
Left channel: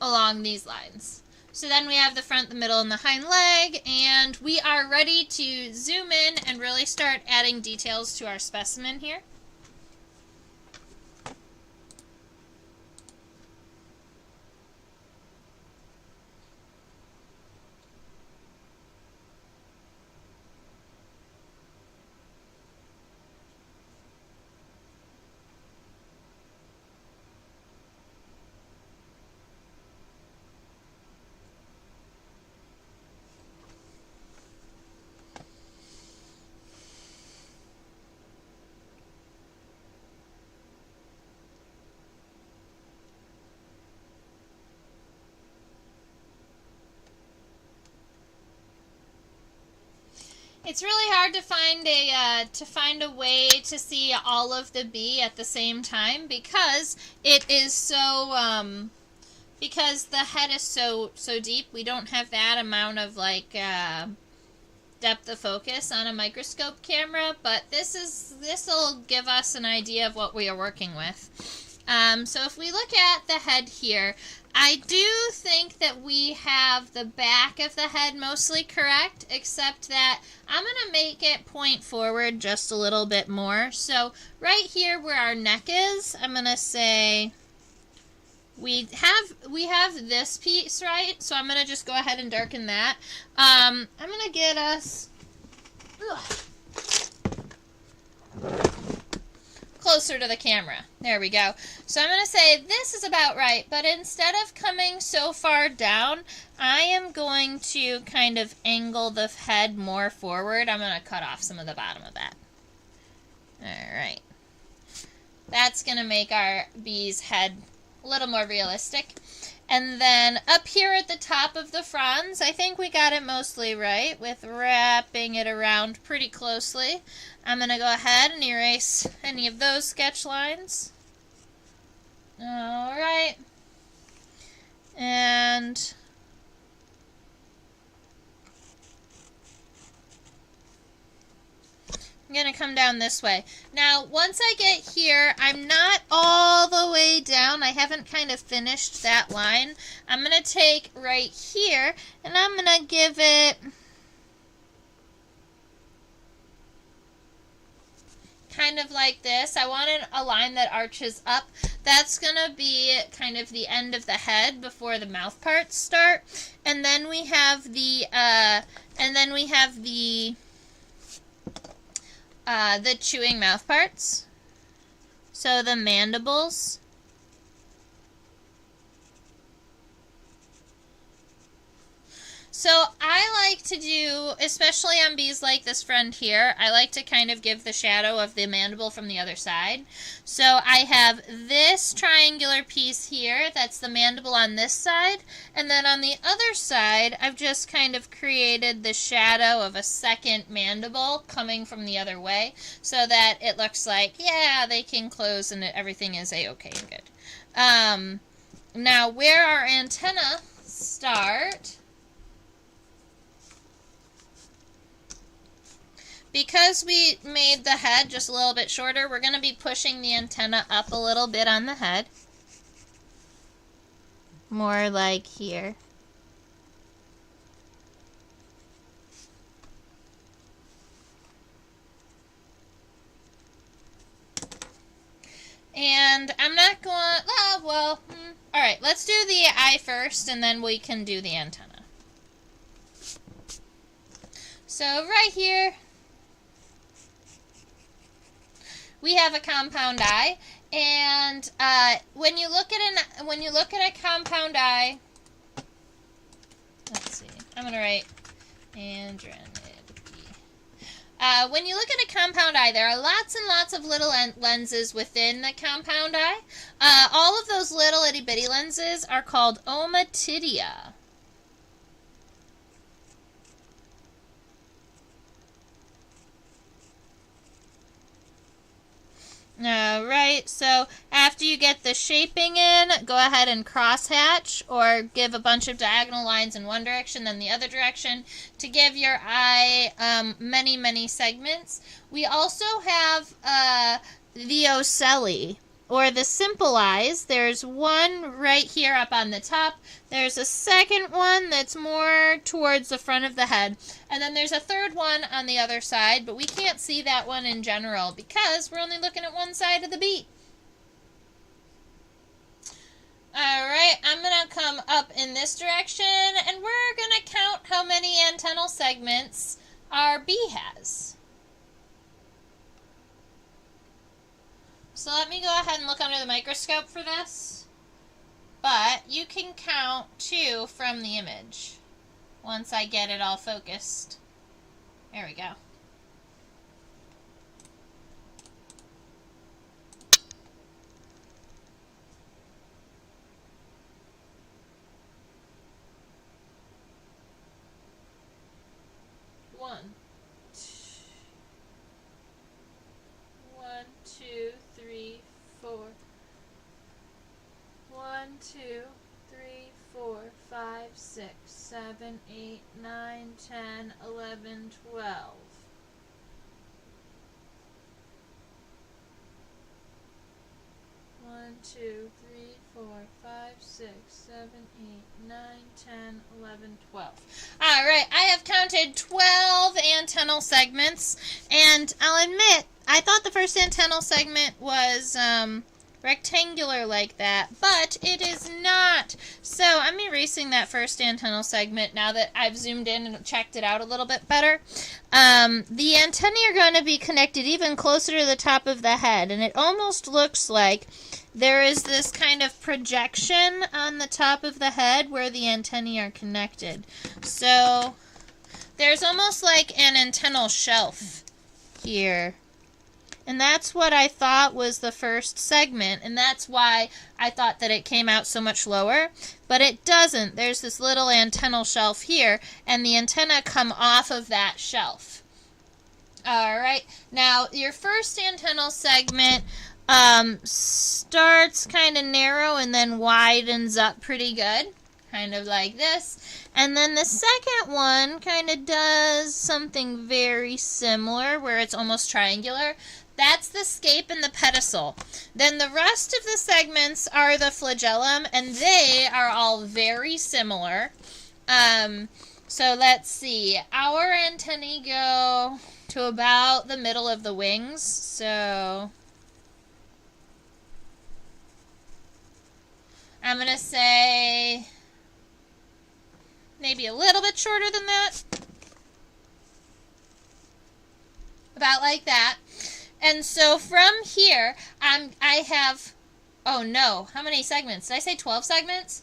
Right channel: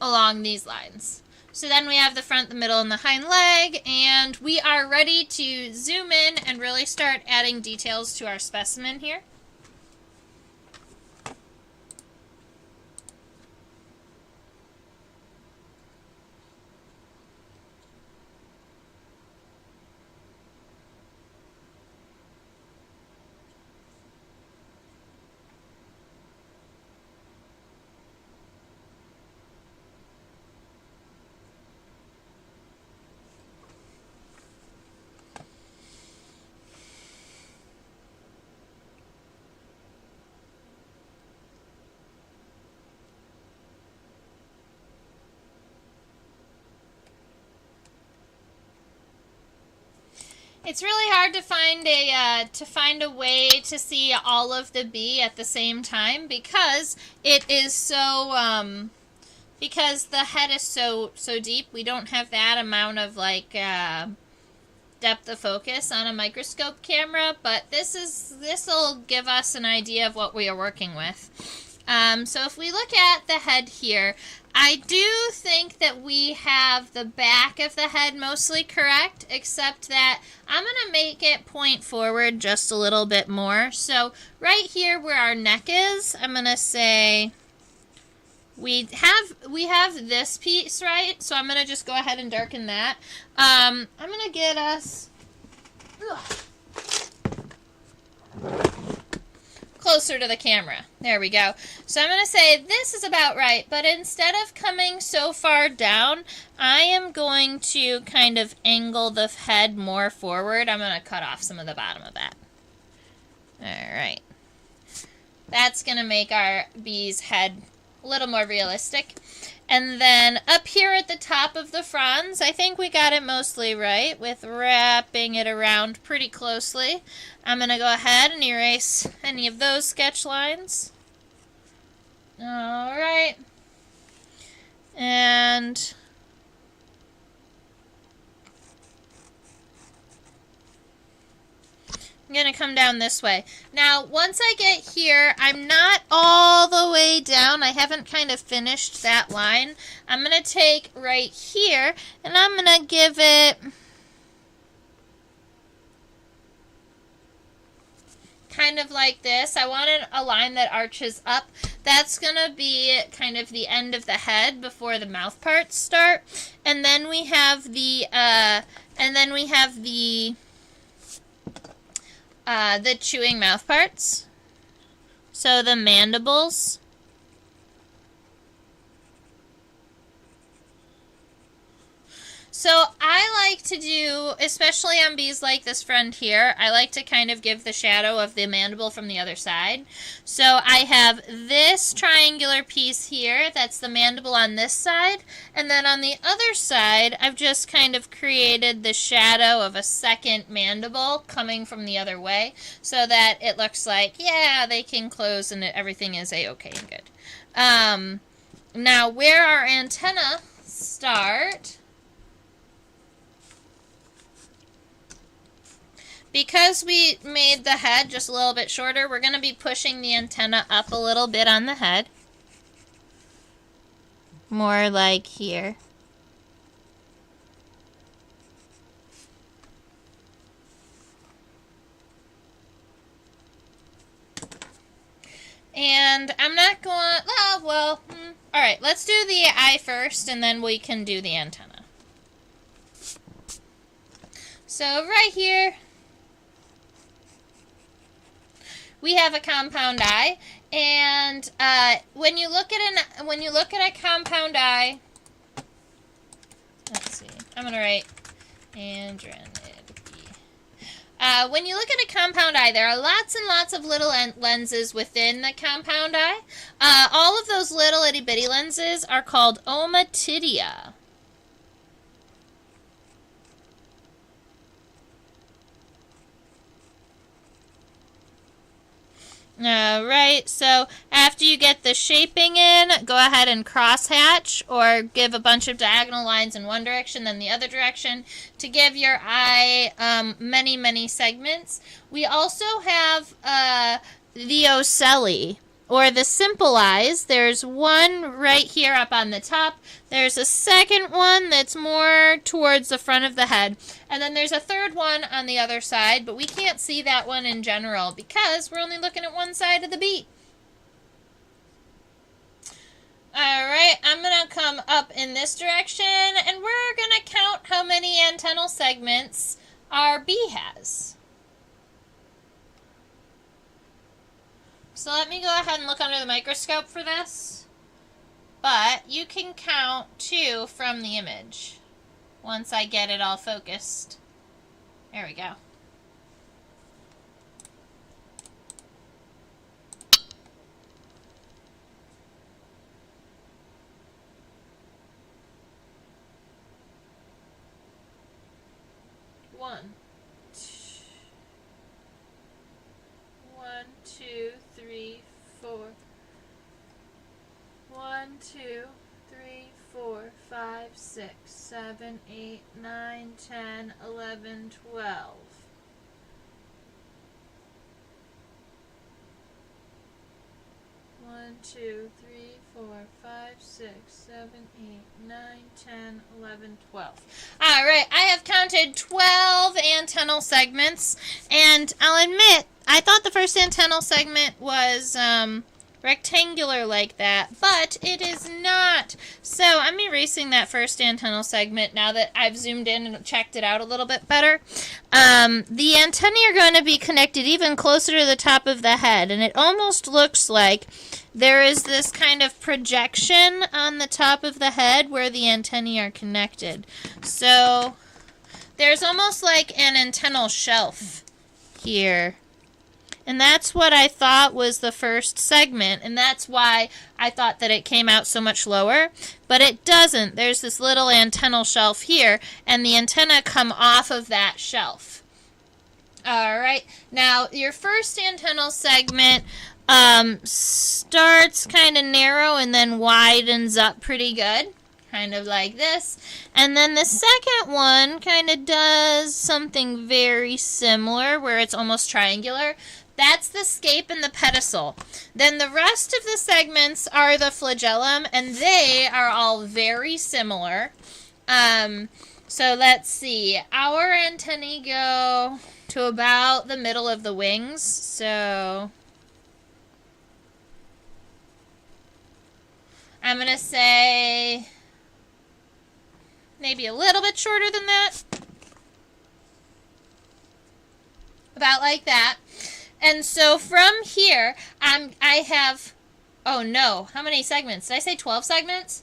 along these lines. So then we have the front, the middle, and the hind leg, and we are ready to zoom in and really start adding details to our specimen here. It's really hard to find a way to see all of the bee at the same time, because it is so because the head is so deep. We don't have that amount of like depth of focus on a microscope camera, but this'll give us an idea of what we are working with. So if we look at the head here, I do think that we have the back of the head mostly correct, except that I'm going to make it point forward just a little bit more. So right here where our neck is, I'm going to say we have this piece, right? So I'm going to just go ahead and darken that. I'm going to get us closer to the camera. There we go. So I'm going to say this is about right, but instead of coming so far down, I am going to kind of angle the head more forward. I'm going to cut off some of the bottom of that. Alright. That's going to make our bee's head a little more realistic. And then up here at the top of the fronds, I think we got it mostly right with wrapping it around pretty closely. I'm going to go ahead and erase any of those sketch lines. Alright. And I'm going to come down this way. Now, once I get here, I'm not all the way down. I haven't kind of finished that line. I'm going to take right here, and I'm going to give it kind of like this. I wanted a line that arches up. That's going to be kind of the end of the head before the mouth parts start. And then we have the chewing mouth parts. So the mandibles. So I like to do, especially on bees like this friend here, I like to kind of give the shadow of the mandible from the other side. So I have this triangular piece here, that's the mandible on this side, and then on the other side, I've just kind of created the shadow of a second mandible coming from the other way, so that it looks like, yeah, they can close and everything is a-okay and good. Now, where our antennae start, because we made the head just a little bit shorter, we're going to be pushing the antenna up a little bit on the head. More like here. And I'm not going, all right, let's do the eye first, and then we can do the antenna. So right here, we have a compound eye, and when you look at a compound eye, let's see, I'm gonna write Andrenid. When you look at a compound eye, there are lots and lots of little lenses within the compound eye. All of those little itty bitty lenses are called ommatidia. Alright, so after you get the shaping in, go ahead and crosshatch or give a bunch of diagonal lines in one direction, then the other direction to give your eye many, many segments. We also have the ocelli, or the simple eyes. There's one right here up on the top. There's a second one that's more towards the front of the head. And then there's a third one on the other side, but we can't see that one in general because we're only looking at one side of the beak. Alright, I'm going to come up in this direction, and we're going to count how many antennal segments our bee has. So let me go ahead and look under the microscope for this. But you can count 2 from the image once I get it all focused. There we go. One, two, three, four. 1, 2, 3, 4, 5, 6, 7, 8, 9, 10, 11, 12. 1, 2, 3, 4, 5, 6, 7, 8, 9, 10, 11, 12. Alright, I have counted 12 antennal segments, and I'll admit, I thought the first antennal segment was rectangular like that, but it is not. So I'm erasing that first antennal segment now that I've zoomed in and checked it out a little bit better. The antennae are going to be connected even closer to the top of the head, and it almost looks like there is this kind of projection on the top of the head where the antennae are connected. So there's almost like an antennal shelf here. And that's what I thought was the first segment, and that's why I thought that it came out so much lower. But it doesn't. There's this little antennal shelf here, and the antenna come off of that shelf. Alright, now your first antennal segment starts kind of narrow and then widens up pretty good. Kind of like this. And then the second one kind of does something very similar where it's almost triangular. That's the scape and the pedicel. Then the rest of the segments are the flagellum, and they are all very similar. So let's see. Our antennae go to about the middle of the wings. So I'm going to say maybe a little bit shorter than that. About like that. And so from here, I have, oh no, how many segments? Did I say 12 segments?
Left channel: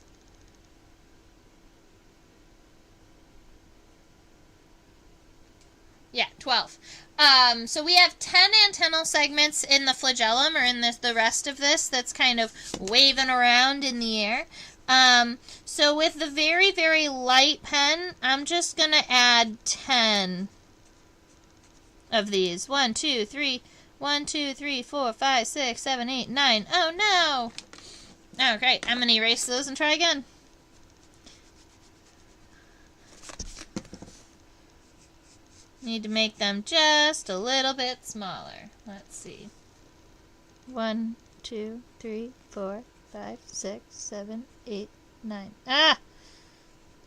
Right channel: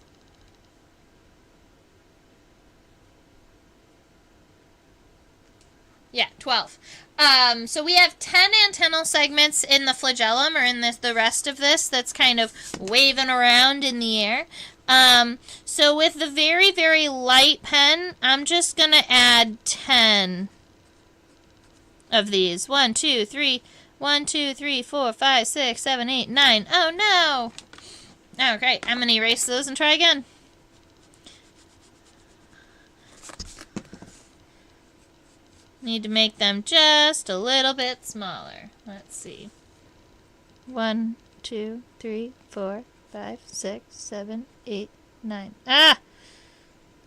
Yeah, 12. So we have 10 antennal segments in the flagellum, or in the rest of this that's kind of waving around in the air. So with the very, very light pen, I'm just going to add 10 of these. 1, 2, 3, 1, 2, 3, 4, 5, 6, 7, 8, 9. Oh no! Oh, great. I'm going to erase those and try again. Need to make them just a little bit smaller. Let's see. 1, 2, 3, 4, 5, 6, 7, 8, 9. Ah!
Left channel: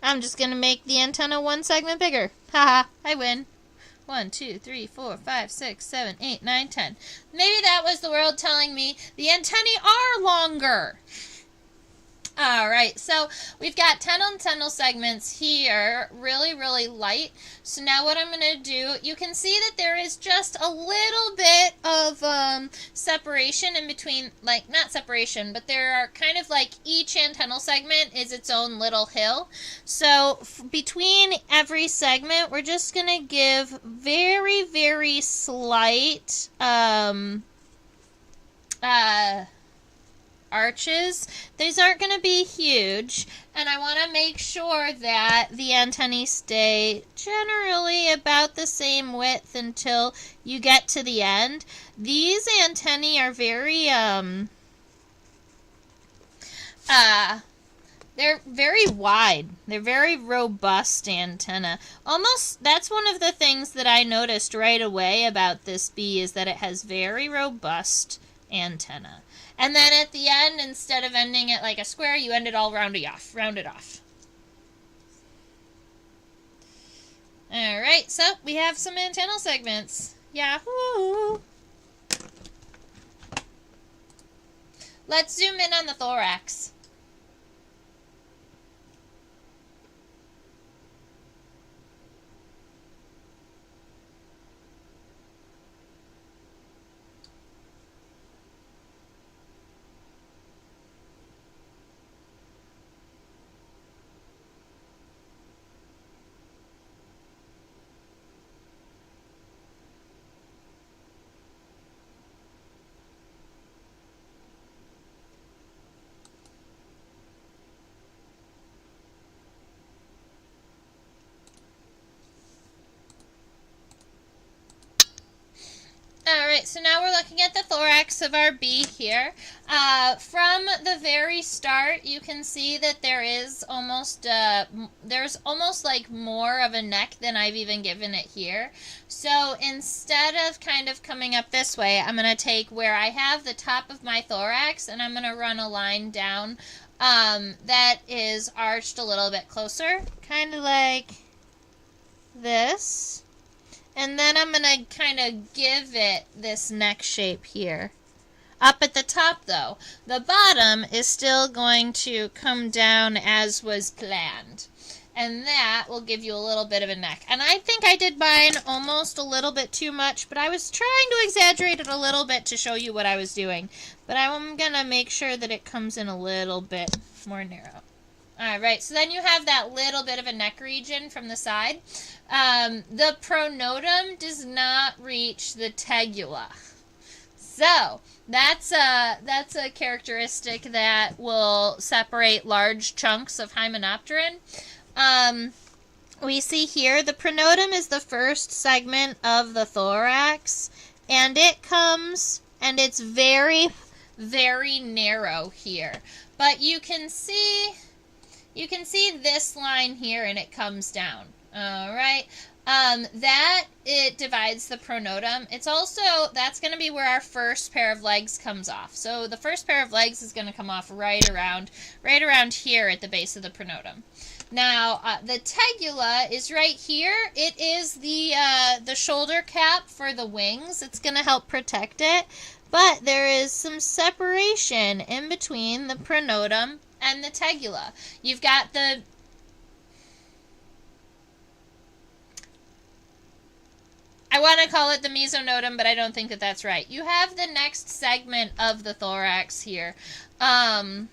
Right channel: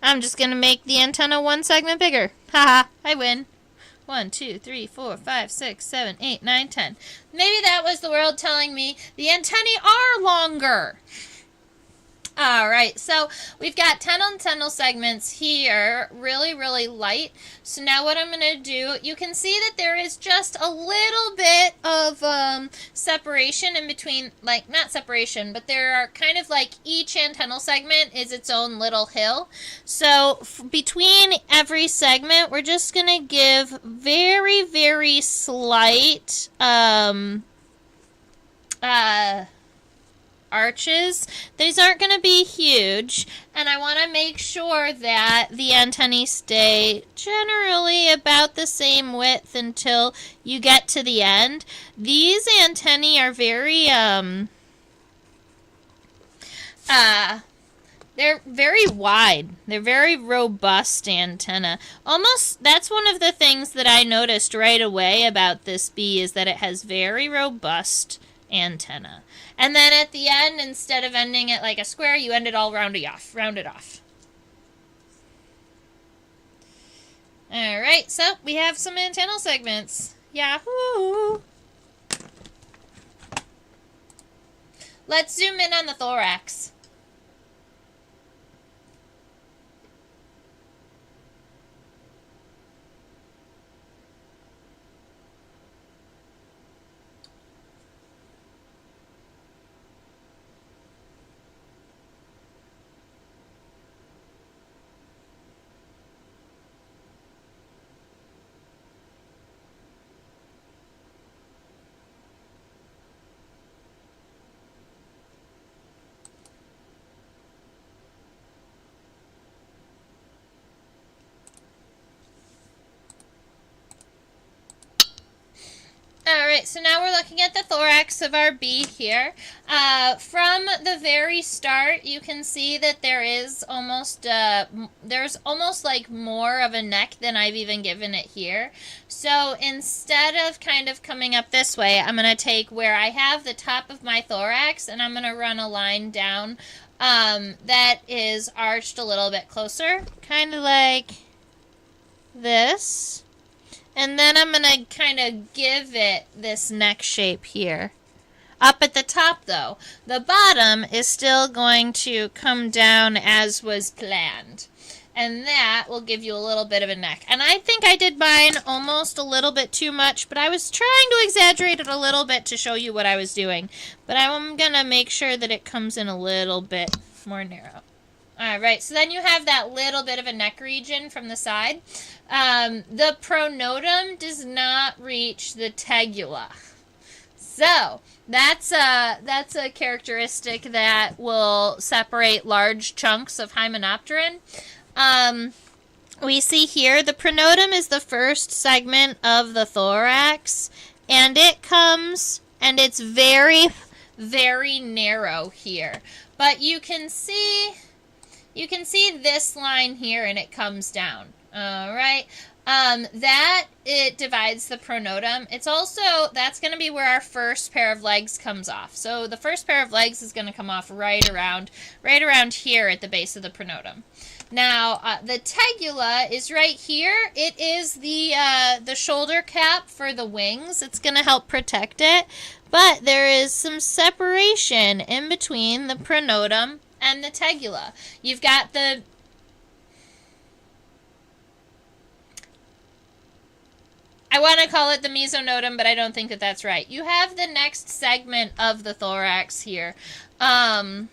I'm just going to make the antenna one segment bigger. Haha, I win. 1, 2, 3, 4, 5, 6, 7, 8, 9, 10. Maybe that was the world telling me the antennae are longer. All right, so we've got 10 antennal segments here, really, really light. So now what I'm going to do, you can see that there is just a little bit of separation in between, like, not separation, but there are kind of like each antennal segment is its own little hill. So between every segment, we're just going to give very, very slight arches. These aren't going to be huge, and I want to make sure that the antennae stay generally about the same width until you get to the end. These antennae are very they're very wide. They're very robust antenna. Almost, that's one of the things that I noticed right away about this bee, is that it has very robust antenna. And then at the end, instead of ending it like a square, you end it all rounded off. Alright, so we have some antennal segments. Yahoo! Let's zoom in on the thorax. Alright, so now we're looking at the thorax of our bee here. From the very start, you can see that there is almost, there's almost like more of a neck than I've even given it here. So instead of kind of coming up this way, I'm going to take where I have the top of my thorax, and I'm going to run a line down that is arched a little bit closer, kind of like this. And then I'm going to kind of give it this neck shape here. Up at the top, though, the bottom is still going to come down as was planned. And that will give you a little bit of a neck. And I think I did mine almost a little bit too much, but I was trying to exaggerate it a little bit to show you what I was doing. But I'm going to make sure that it comes in a little bit more narrow. Alright, so then you have that little bit of a neck region from the side. The pronotum does not reach the tegula. So, that's a characteristic that will separate large chunks of Hymenopteran. We see here the pronotum is the first segment of the thorax, and it comes, and it's very, very narrow here. But you can see this line here, and it comes down. All right. That it divides the pronotum. It's also, that's going to be where our first pair of legs comes off. So the first pair of legs is going to come off right around here at the base of the pronotum. Now, the tegula is right here. It is the shoulder cap for the wings. It's going to help protect it. But there is some separation in between the pronotum and the tegula. You've got the... I want to call it the mesonotum, but I don't think that that's right. You have the next segment of the thorax here that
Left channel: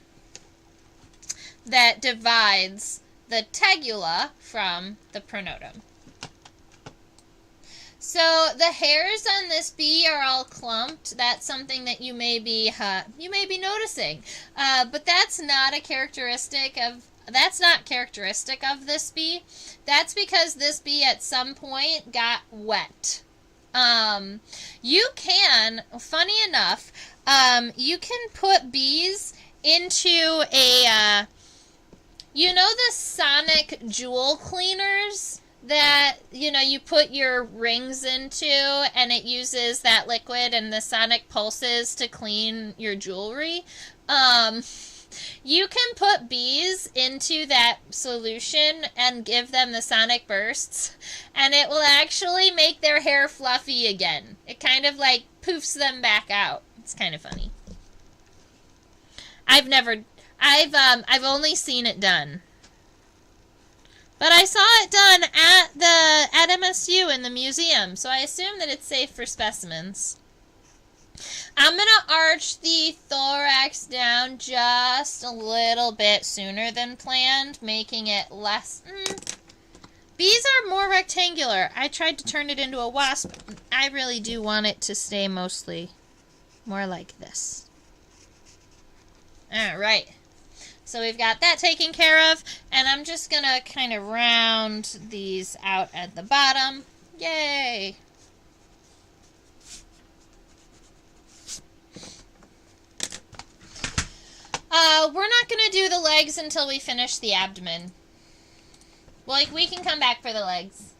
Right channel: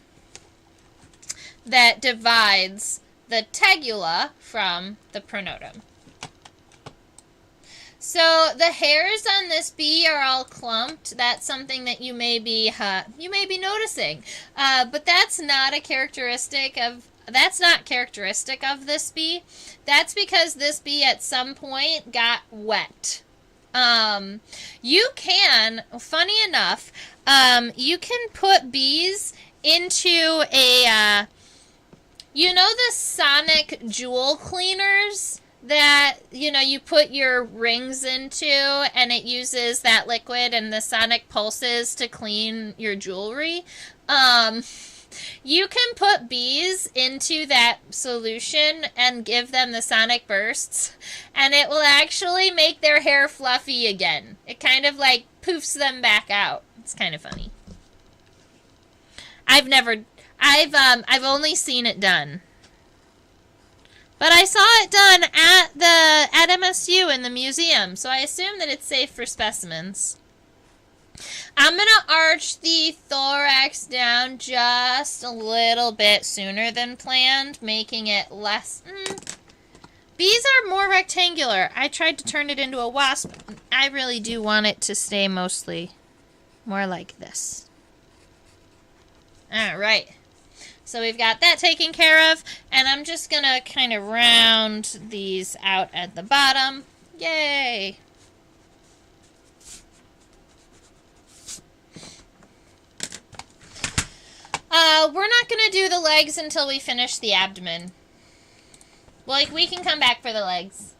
divides the tegula from the pronotum. So the hairs on this bee are all clumped. That's something that you may be noticing, but that's not characteristic of this bee. That's because this bee at some point got wet. You can, funny enough, you can put bees into a, you know, the sonic jewel cleaners that, you know, you put your rings into and it uses that liquid and the sonic pulses to clean your jewelry. You can put bees into that solution and give them the sonic bursts, and it will actually make their hair fluffy again. It kind of like poofs them back out. It's kind of funny. I've only seen it done. But I saw it done at MSU in the museum, so I assume that it's safe for specimens. I'm going to arch the thorax down just a little bit sooner than planned, making it less... Bees are more rectangular. I tried to turn it into a wasp. I really do want it to stay mostly more like this. Alright. So we've got that taken care of, and I'm just going to kind of round these out at the bottom. Yay! We're not going to do the legs until we finish the abdomen. Like, we can come back for the legs.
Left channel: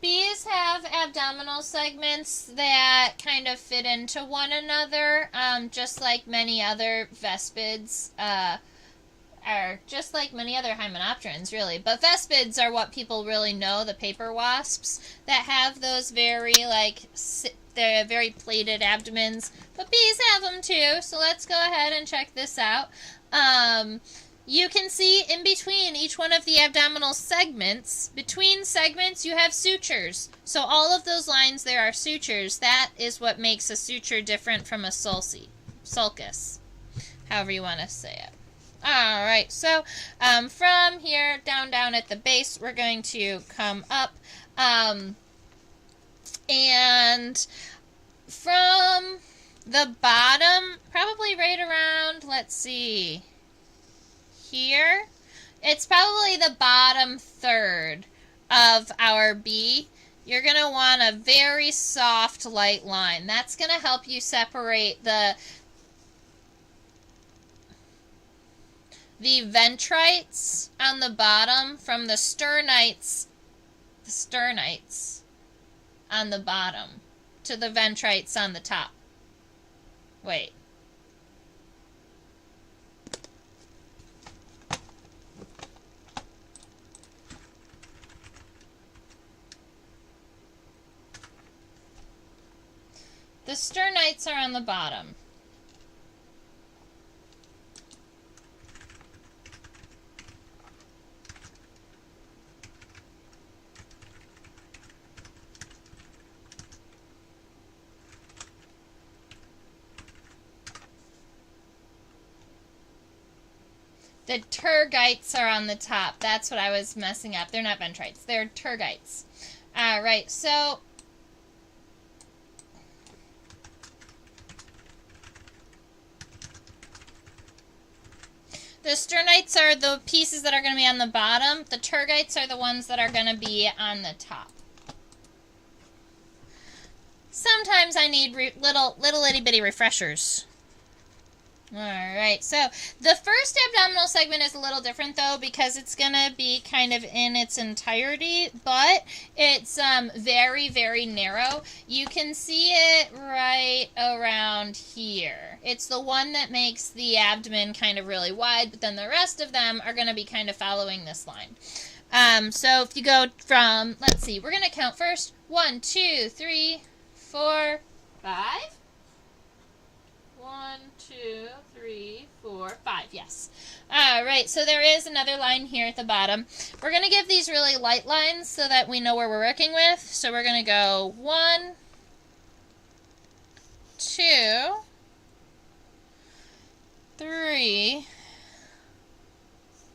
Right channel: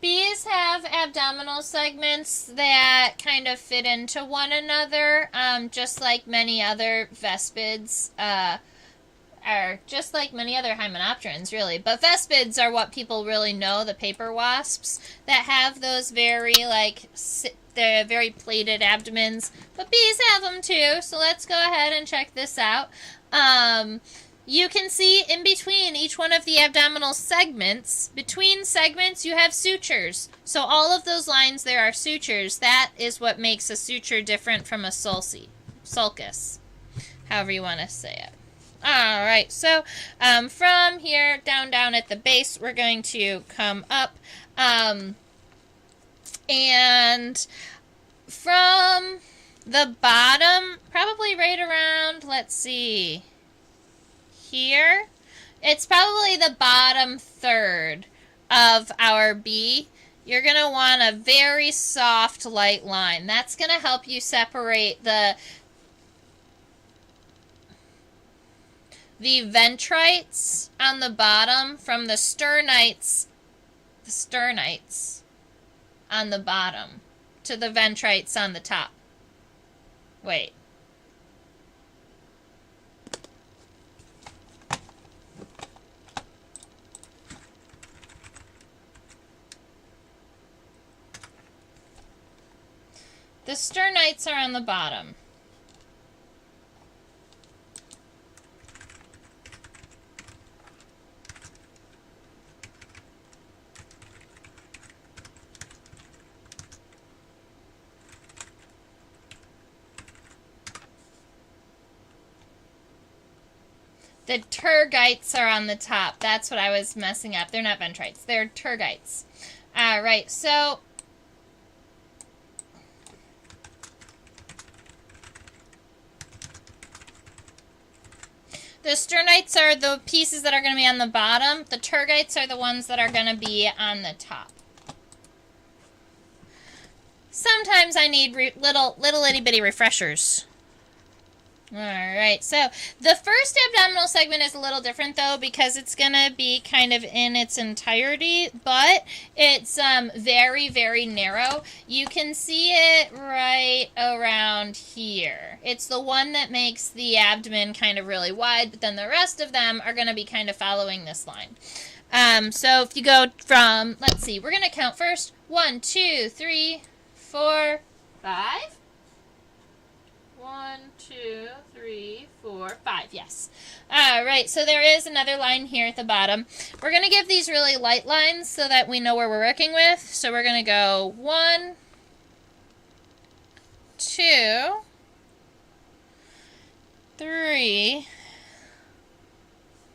Bees have abdominal segments that kind of fit into one another, just like many other vespids, are just like many other hymenopterans, really. But vespids are what people really know, the paper wasps, that have those very, they're very plated abdomens. But bees have them too, so let's go ahead and check this out. You can see in between each one of the abdominal segments, between segments you have sutures. So all of those lines there are sutures. That is what makes a suture different from a sulcus, however you want to say it. Alright, so from here down at the base, we're going to come up, and from the bottom, probably right around, let's see, here, it's probably the bottom third of our bee. You're going to want a very soft, light line. That's going to help you separate the ventrites on the bottom from the sternites on the bottom to the ventrites on the top. Wait. The sternites are on the bottom. The tergites are on the top. That's what I was messing up. They're not ventrites. They're tergites. All right, so the sternites are the pieces that are going to be on the bottom. The tergites are the ones that are going to be on the top. Sometimes I need little itty bitty refreshers. Alright, so the first abdominal segment is a little different though because it's going to be kind of in its entirety, but it's very, very narrow. You can see it right around here. It's the one that makes the abdomen kind of really wide, but then the rest of them are going to be kind of following this line. So if you go from, let's see, we're going to count first. 1, 2, 3, 4, 5. 1, 2, 3, 4, 5. Yes. All right. So there is another line here at the bottom. We're going to give these really light lines so that we know where we're working with. So we're going to go 1, 2, 3,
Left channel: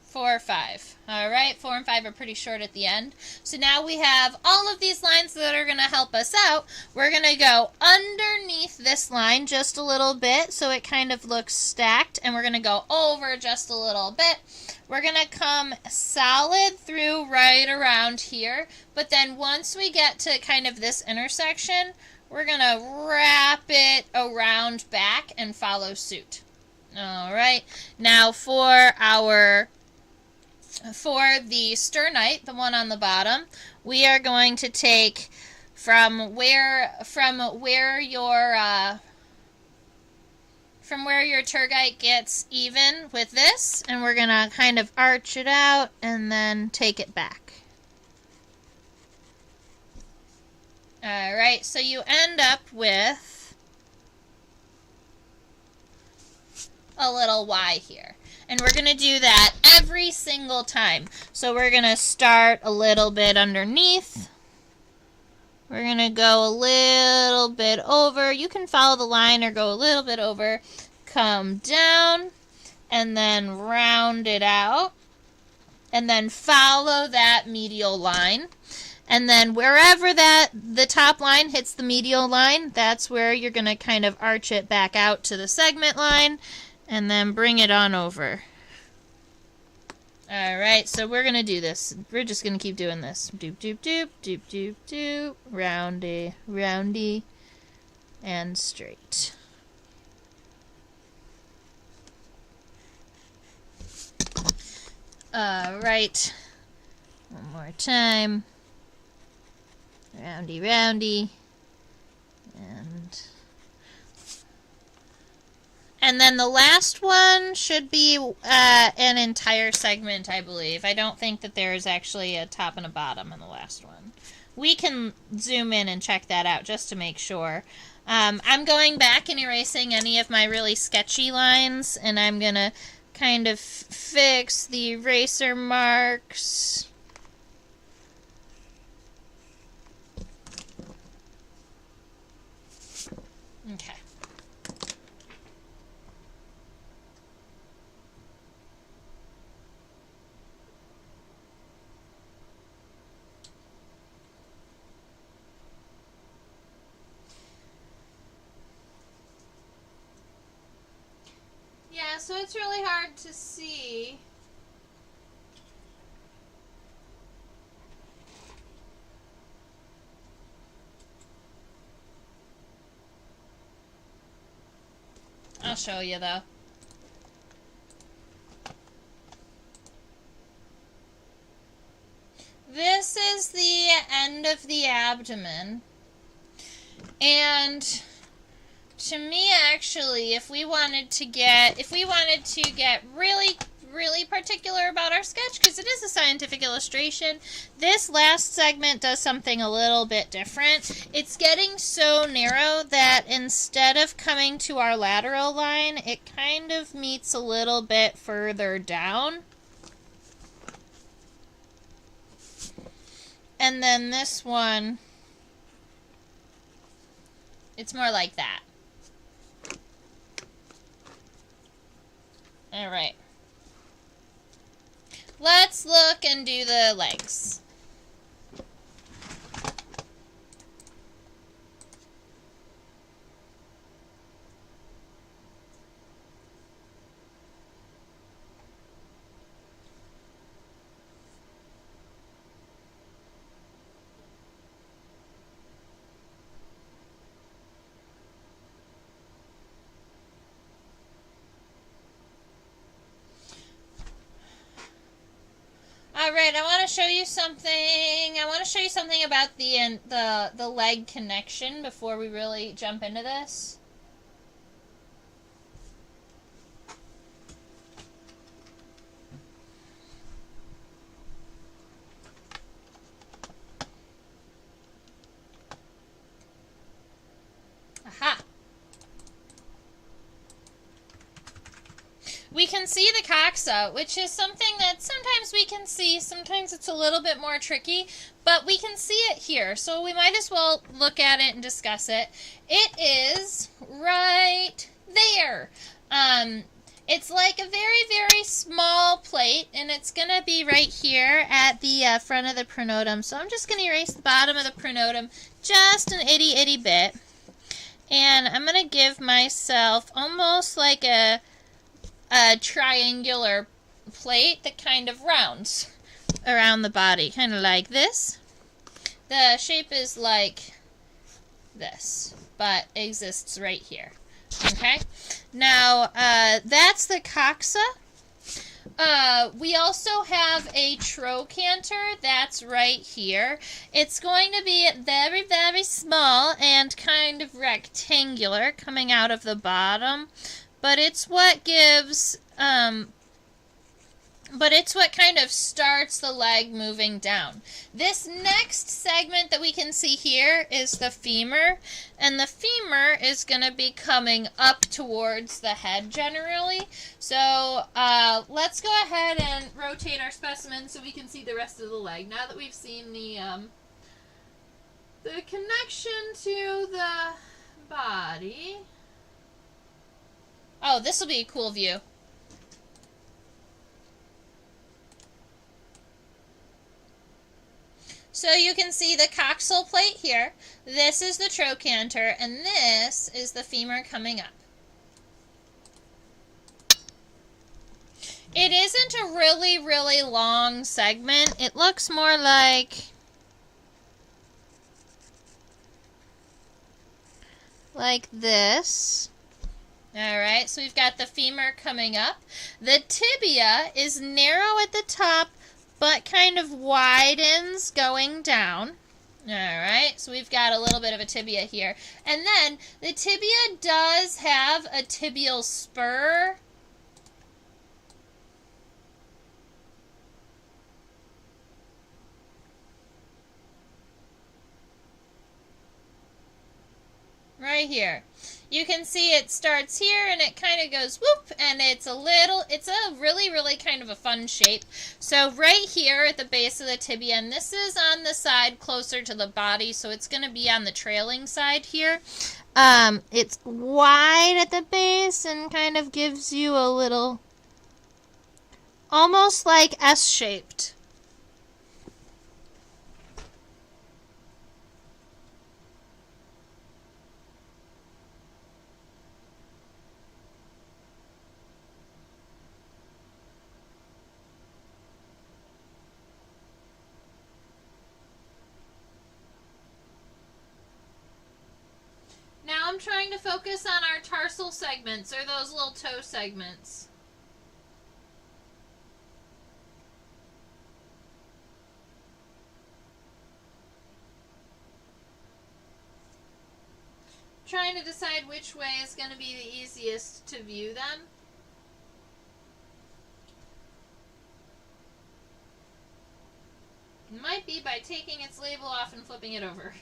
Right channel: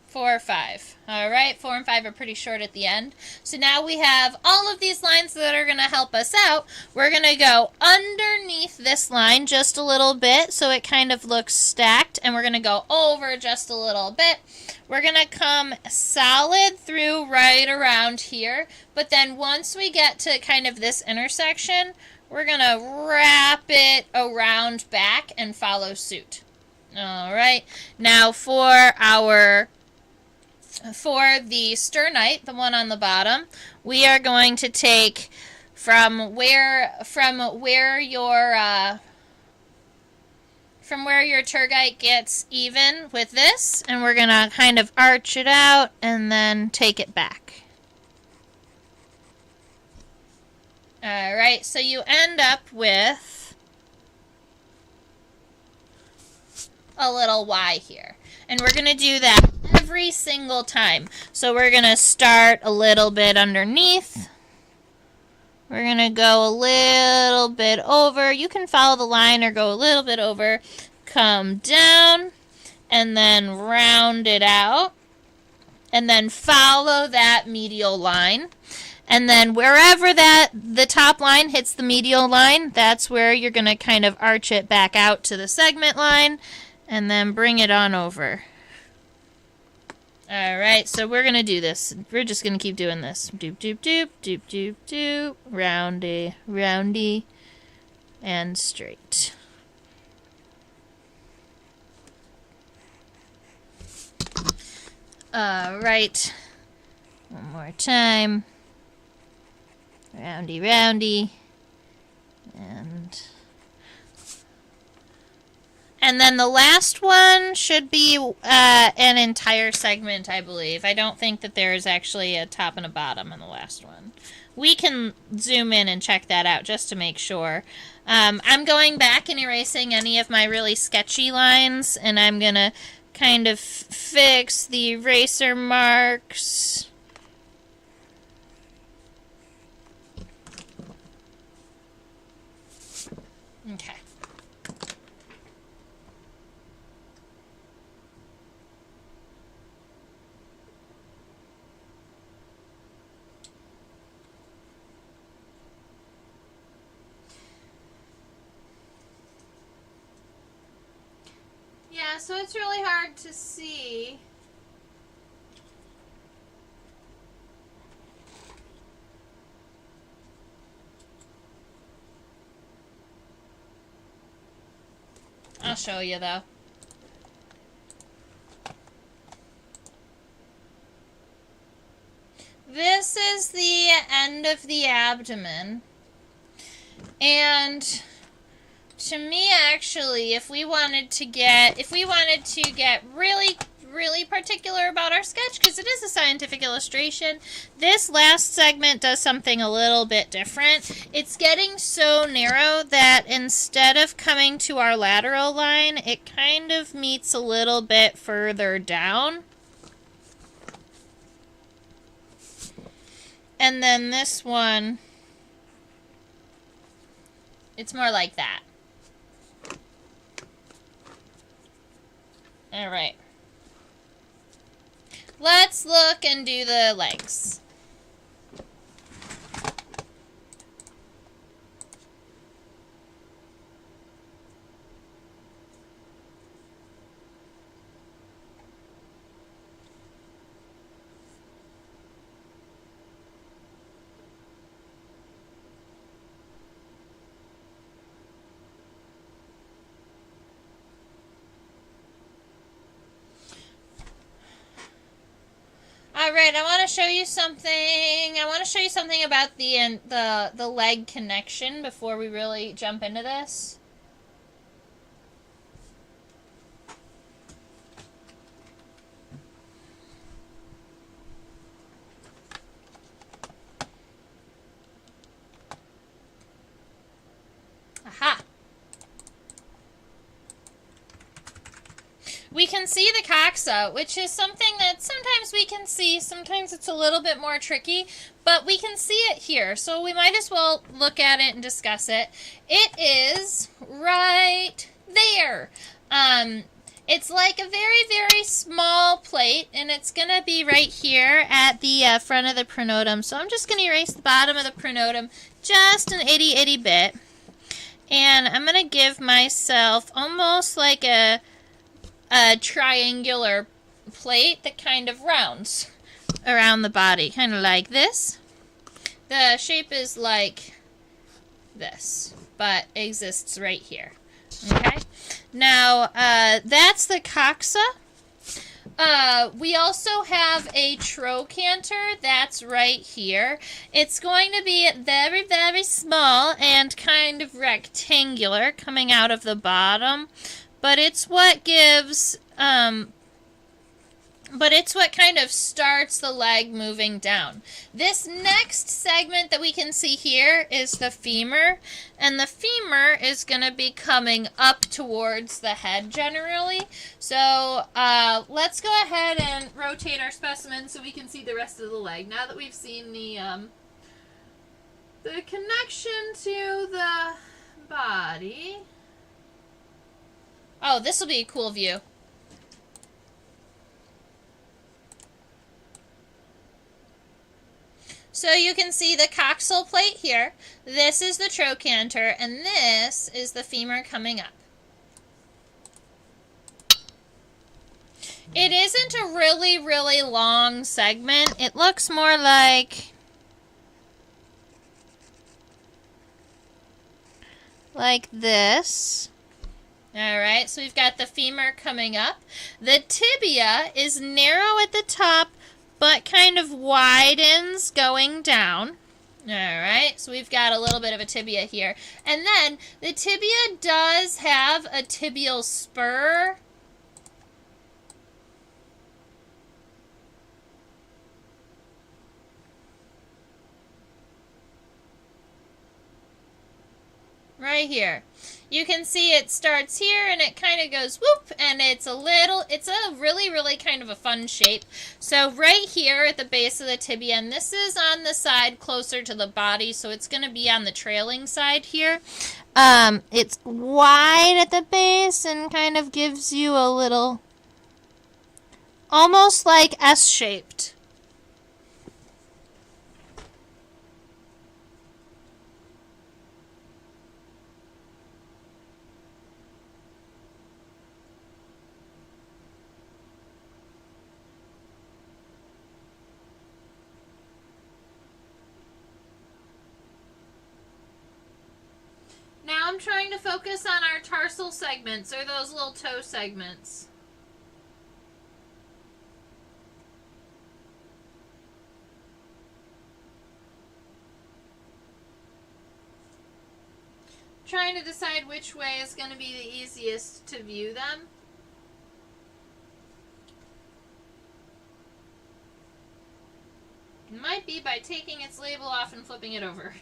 4, 5. All right, 4 and 5 are pretty short at the end. So now we have all of these lines that are going to help us out. We're going to go underneath this line just a little bit so it kind of looks stacked, and we're going to go over just a little bit. We're going to come solid through right around here, but then once we get to kind of this intersection, we're going to wrap it around back and follow suit. All right, now for our for the sternite, the one on the bottom, we are going to take from where your tergite gets even with this, and we're going to kind of arch it out and then take it back. Alright, so you end up with a little Y here. And we're going to do that every single time. So we're going to start a little bit underneath. We're going to go a little bit over. You can follow the line or go a little bit over. Come down and then round it out. And then follow that medial line. And then wherever the top line hits the medial line, that's where you're going to kind of arch it back out to the segment line. And then bring it on over. Alright, so we're going to do this. We're just going to keep doing this. Doop, doop, doop, doop, doop, doop. Roundy, roundy, and straight. Alright. One more time. Roundy, roundy. And then the last one should be an entire segment, I believe. I don't think that there is actually a top and a bottom in the last one. We can zoom in and check that out just to make sure. I'm going back and erasing any of my really sketchy lines, and I'm going to kind of fix the eraser marks. Okay. Yeah, so it's really hard to see. I'll show you though. This is the end of the abdomen. And to me, actually, if we wanted to get really particular about our sketch, because it is a scientific illustration, this last segment does something a little bit different. It's getting so narrow that instead of coming to our lateral line, it kind of meets a little bit further down. And then this one, it's more like that. All right. Let's look and do the legs. Alright, I want to show you something. I want to show you something about the leg connection before we really jump into this. Aha! We can see the coxa, which is something that sometimes we can see, sometimes it's a little bit more tricky, but we can see it here, so we might as well look at it and discuss it. It is right there. It's like a very, very small plate, and it's going to be right here at the front of the pronotum. So I'm just going to erase the bottom of the pronotum just an itty bit, and I'm going to give myself almost like a triangular plate that kind of rounds around the body, kind of like this. The shape is like this, but exists right here. Okay, now that's the coxa, We also have a trochanter that's right here. It's going to be very, very small and kind of rectangular coming out of the bottom, but it's what gives, but it's what kind of starts the leg moving down. This next segment that we can see here is the femur, and the femur is going to be coming up towards the head generally. So let's go ahead and rotate our specimen so we can see the rest of the leg. Now that we've seen the connection to the body. Oh, this will be a cool view. So you can see the coxal plate here. This is the trochanter, and this is the femur coming up. It isn't a really, really long segment. It looks more like this. Alright, so we've got the femur coming up. The tibia is narrow at the top, but kind of widens going down. Alright, so we've got a little bit of a tibia here. And then the tibia does have a tibial spur. Right here. You can see it starts here and it kind of goes whoop, and it's a really, really kind of a fun shape. So right here at the base of the tibia, and this is on the side closer to the body, so it's going to be on the trailing side here. It's wide at the base and kind of gives you a little, almost like S-shaped. Now I'm trying to focus on our tarsal segments, or those little toe segments. Trying to decide which way is going to be the easiest to view them. It might be by taking its label off and flipping it over.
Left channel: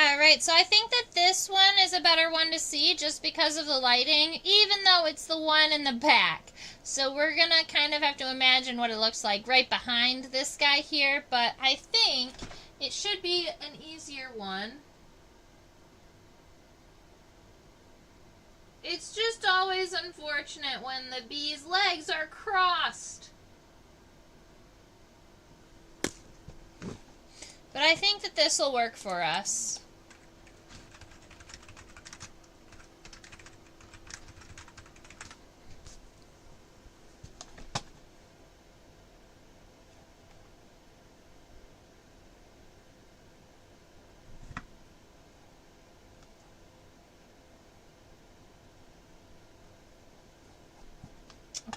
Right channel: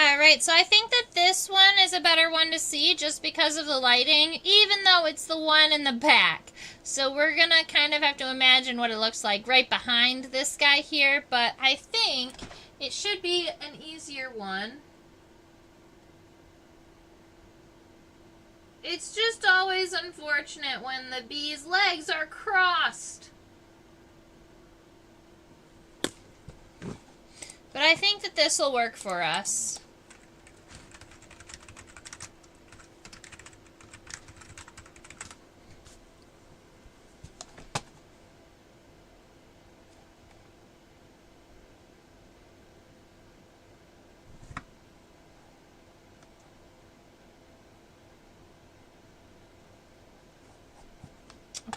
Alright, so I think that this one is a better one to see just because of the lighting, even though it's the one in the back. So we're going to kind of have to imagine what it looks like right behind this guy here, but I think it should be an easier one. It's just always unfortunate when the bee's legs are crossed. But I think that this will work for us.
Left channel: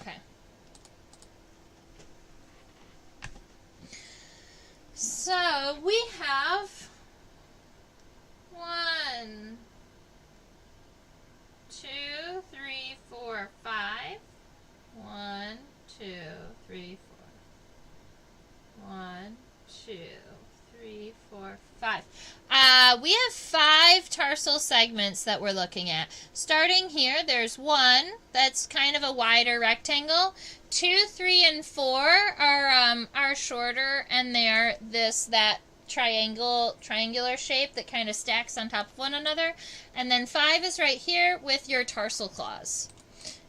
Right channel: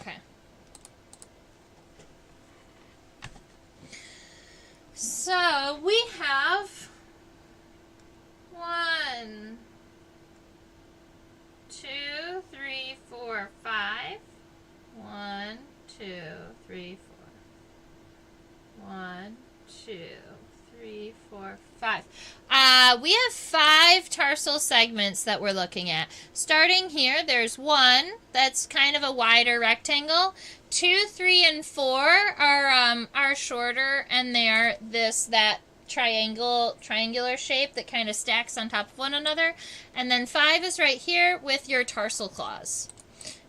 Okay. So we have 1, 2, 3, 4, 5. 1, 2, 3, 4. 1, 2, 3, 4, 5. We have 5 tarsal segments that we're looking at. Starting here, there's 1 that's kind of a wider rectangle. 2, 3, and 4 are shorter, and they're that triangular shape that kind of stacks on top of one another. And then 5 is right here with your tarsal claws.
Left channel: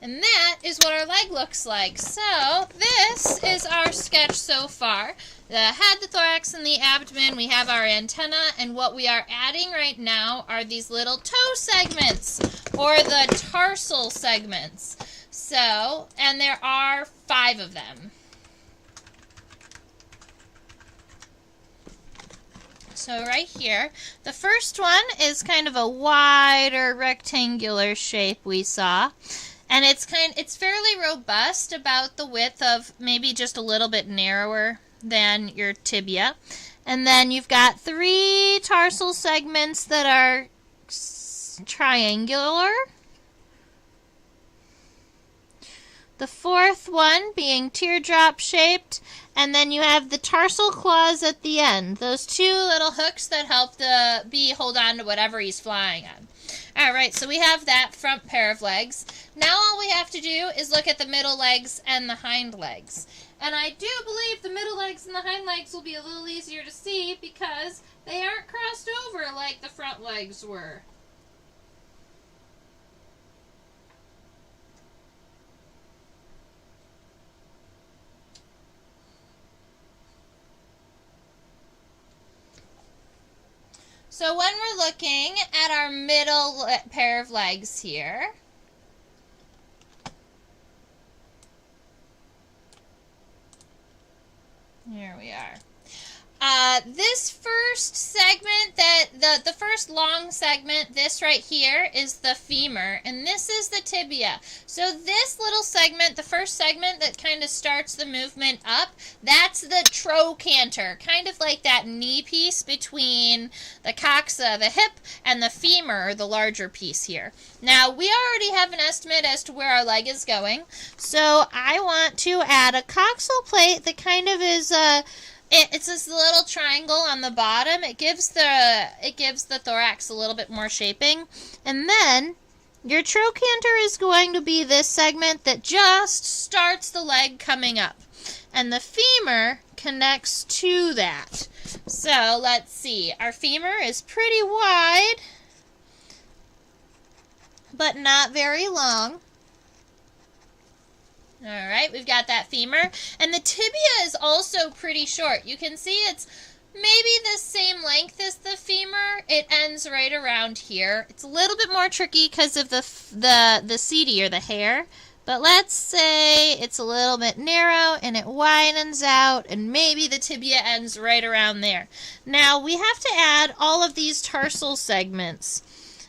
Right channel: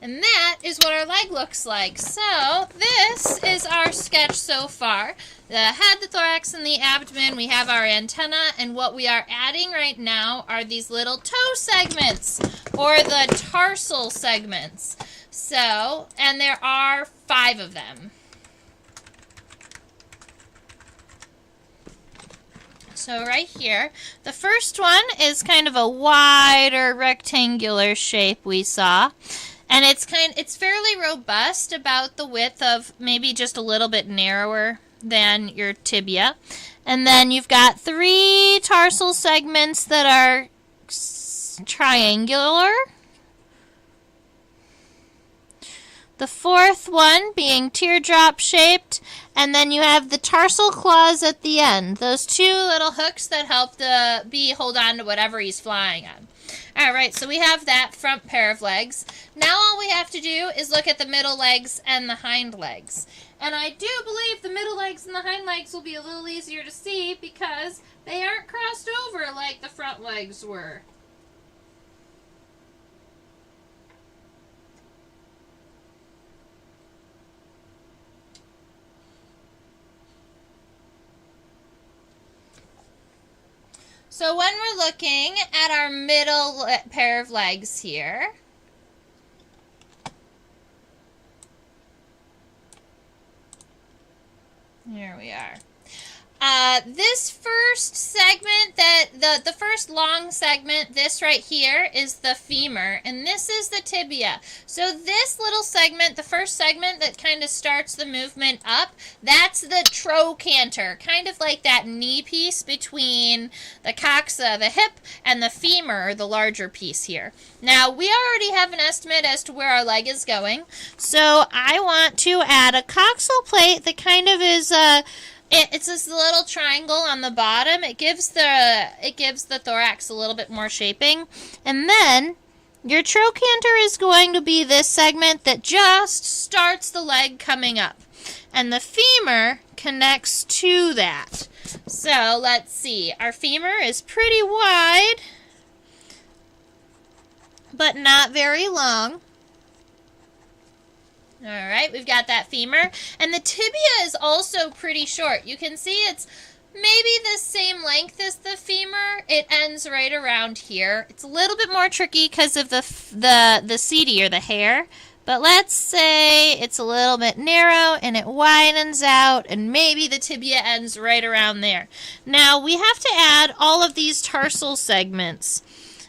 And that is what our leg looks like. So this is our sketch so far. The head, the thorax, and the abdomen. We have our antenna, and what we are adding right now are these little toe segments, or the tarsal segments. So, and there are 5 of them. So right here, the first one is kind of a wider rectangular shape we saw. And it's fairly robust, about the width of maybe just a little bit narrower than your tibia. And then you've got 3 tarsal segments that are triangular. The 4th one being teardrop shaped. And then you have the tarsal claws at the end. Those 2 little hooks that help the bee hold on to whatever he's flying on. Alright, so we have that front pair of legs. Now all we have to do is look at the middle legs and the hind legs. And I do believe the middle legs and the hind legs will be a little easier to see because they aren't crossed over like the front legs were. So when we're looking at our middle pair of legs here, here we are. This first segment, the first long segment, this right here is the femur, and this is the tibia. So this little segment, the first segment that kind of starts the movement up, that's the trochanter, kind of like that knee piece between the coxa, the hip, and the femur, the larger piece here. Now, we already have an estimate as to where our leg is going, so I want to add a coxal plate that kind of is it's this little triangle on the bottom. It gives the thorax a little bit more shaping. And then your trochanter is going to be this segment that just starts the leg coming up. And the femur connects to that. So let's see. Our femur is pretty wide, but not very long. Alright, we've got that femur. And the tibia is also pretty short. You can see it's maybe the same length as the femur. It ends right around here. It's a little bit more tricky because of the setae, or the hair. But let's say it's a little bit narrow and it widens out, and maybe the tibia ends right around there. Now, we have to add all of these tarsal segments.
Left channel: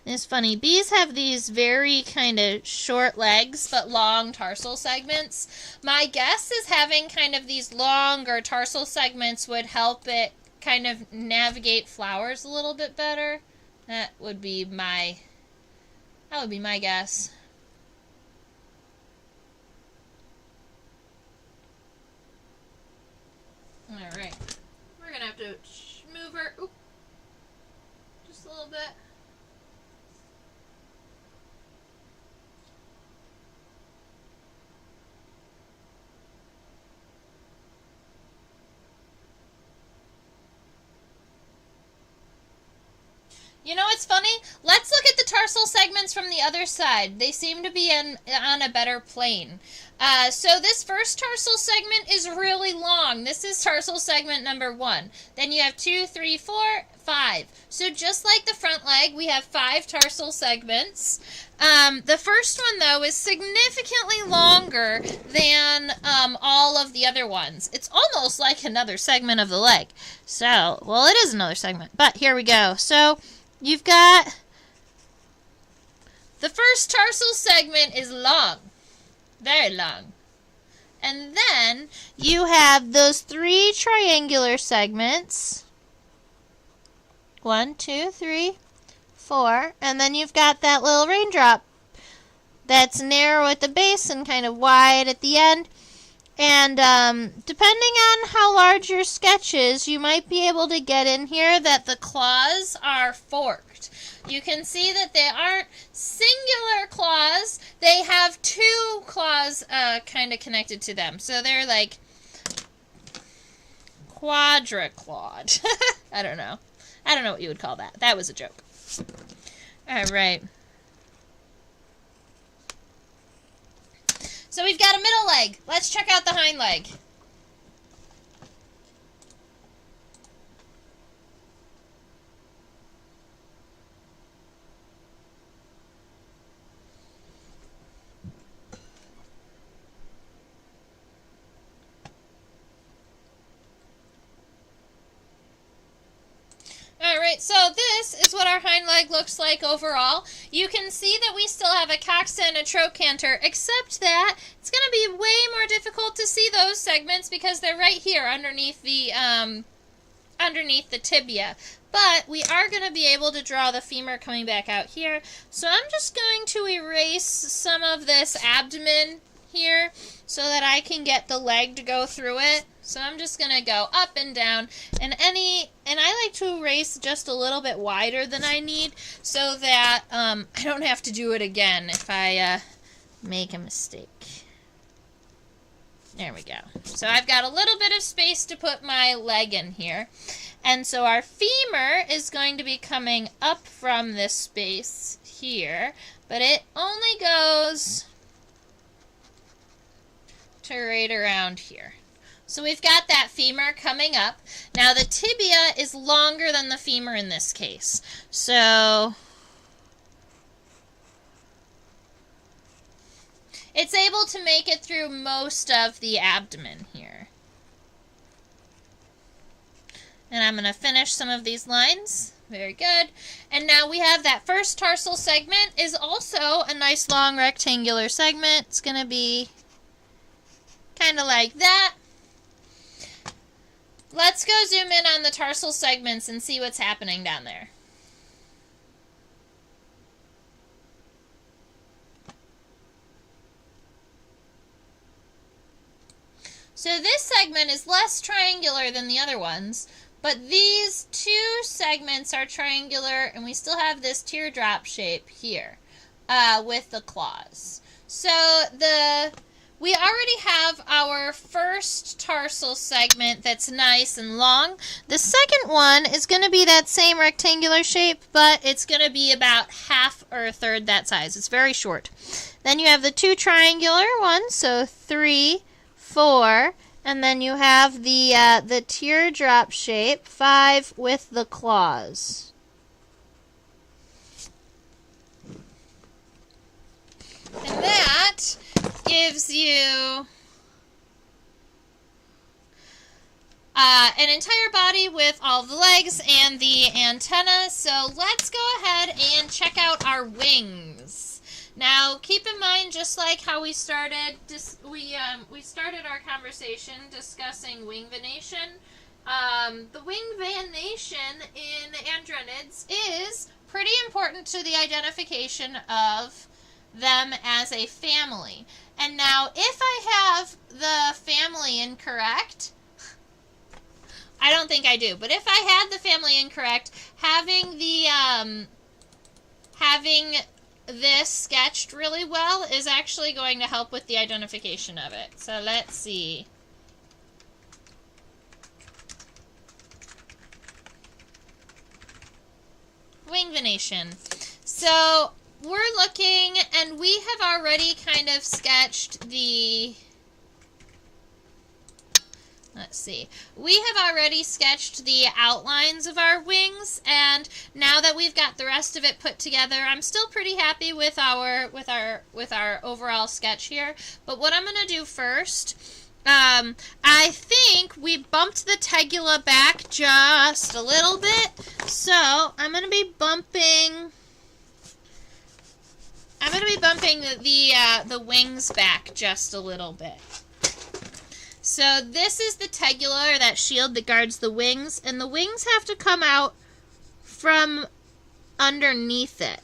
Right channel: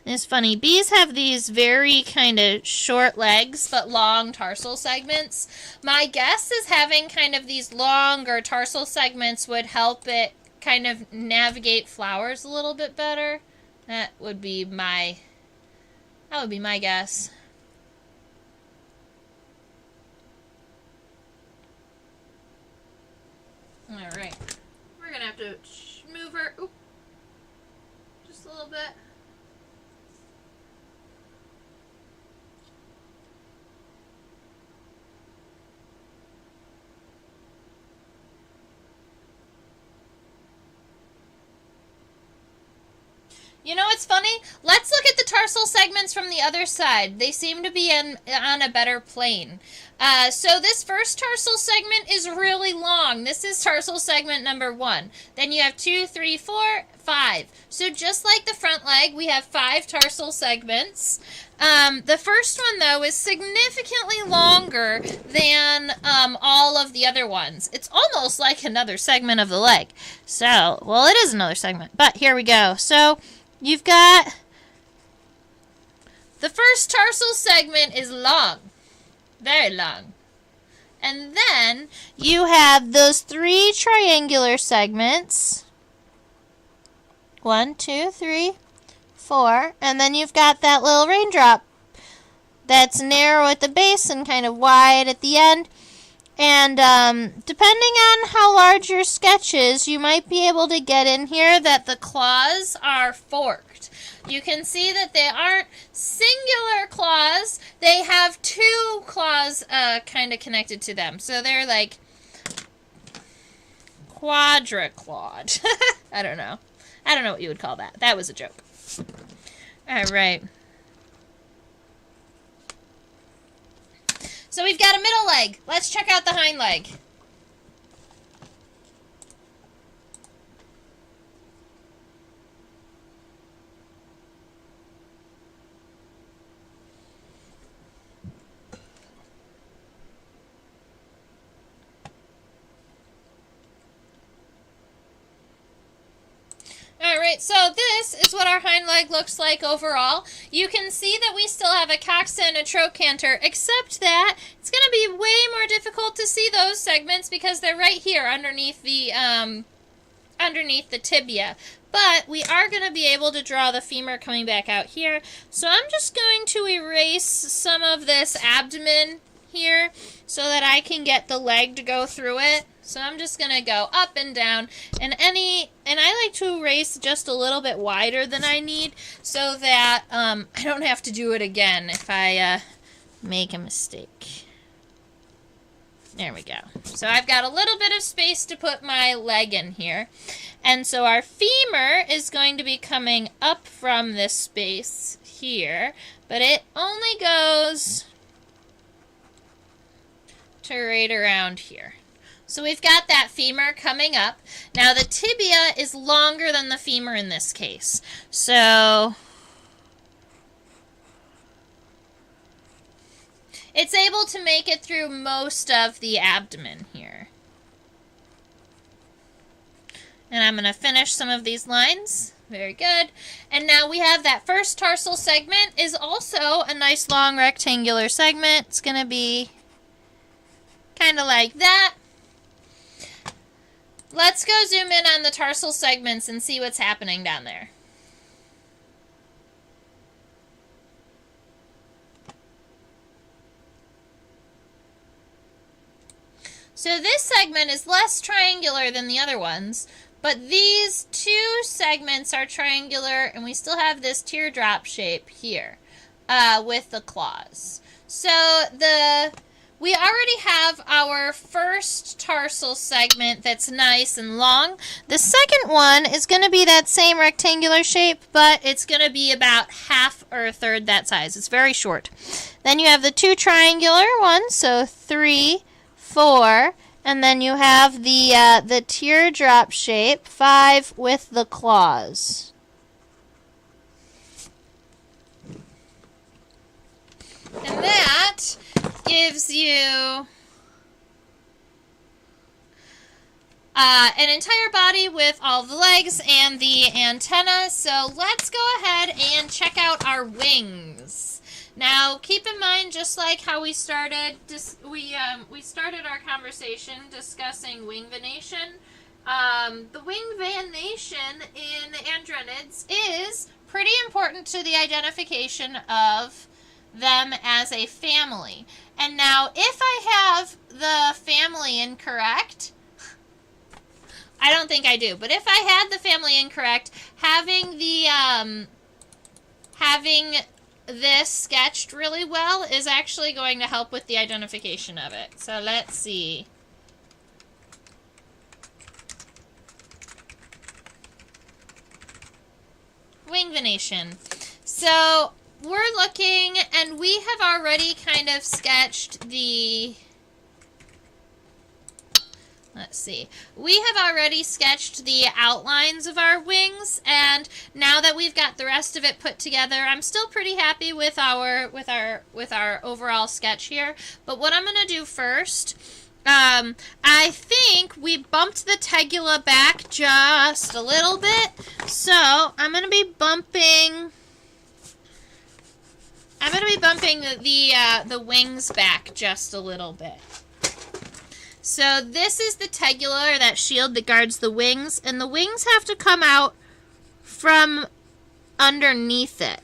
It's funny, bees have these very kind of short legs, but long tarsal segments. My guess is having kind of these longer tarsal segments would help it kind of navigate flowers a little bit better. That would be my guess. Alright, we're going to have to move her just a little bit. You know what's funny? Let's look at the tarsal segments from the other side. They seem to be on a better plane. So this first tarsal segment is really long. This is tarsal segment number 1. Then you have 2, 3, 4, 5. So just like the front leg, we have 5 tarsal segments. The first one, though, is significantly longer than all of the other ones. It's almost like another segment of the leg. So, well, it is another segment, but here we go. So you've got the first tarsal segment is long, very long. And then you have those 3 triangular segments. 1, 2, 3, 4. And then you've got that little raindrop that's narrow at the base and kind of wide at the end. And depending on how large your sketch is, you might be able to get in here that the claws are forked. You can see that they aren't singular claws. They have two claws kind of connected to them. So they're like quadraclawed. I don't know. I don't know what you would call that. That was a joke. All right. So we've got a middle leg. Let's check out the hind leg. Alright, so this is what our hind leg looks like overall. You can see that we still have a coxa and a trochanter, except that it's going to be way more difficult to see those segments because they're right here underneath the tibia. But we are going to be able to draw the femur coming back out here. So I'm just going to erase some of this abdomen here so that I can get the leg to go through it. So I'm just going to go up and down, and I like to erase just a little bit wider than I need so that I don't have to do it again if I make a mistake. There we go. So I've got a little bit of space to put my leg in here. And so our femur is going to be coming up from this space here, but it only goes to right around here. So we've got that femur coming up. Now the tibia is longer than the femur in this case. So it's able to make it through most of the abdomen here. And I'm going to finish some of these lines. Very good. And now we have that first tarsal segment is also a nice long rectangular segment. It's going to be kind of like that. Let's go zoom in on the tarsal segments and see what's happening down there. So this segment is less triangular than the other ones, but these two segments are triangular, and we still have this teardrop shape here with the claws. So we already have our first tarsal segment that's nice and long. The second one is going to be that same rectangular shape, but it's going to be about half or a third that size. It's very short. Then you have the two triangular ones, so 3, 4, and then you have the teardrop shape, 5 with the claws. And that gives you an entire body with all the legs and the antenna. So let's go ahead and check out our wings. Now, keep in mind, just like how we started, we started our conversation discussing wing venation. The wing venation in Andrenids is pretty important to the identification of them as a family. And now, if I have the family incorrect, I don't think I do, but if I had the family incorrect, having this sketched really well is actually going to help with the identification of it. So let's see. Wing venation. So we're looking, and we have already kind of sketched the... Let's see. We have already sketched the outlines of our wings, and now that we've got the rest of it put together, I'm still pretty happy with our overall sketch here. But what I'm going to do first, I think we bumped the tegula back just a little bit, so I'm going to be bumping the wings back just a little bit. So this is the tegula, or that shield that guards the wings, and the wings have to come out from underneath it.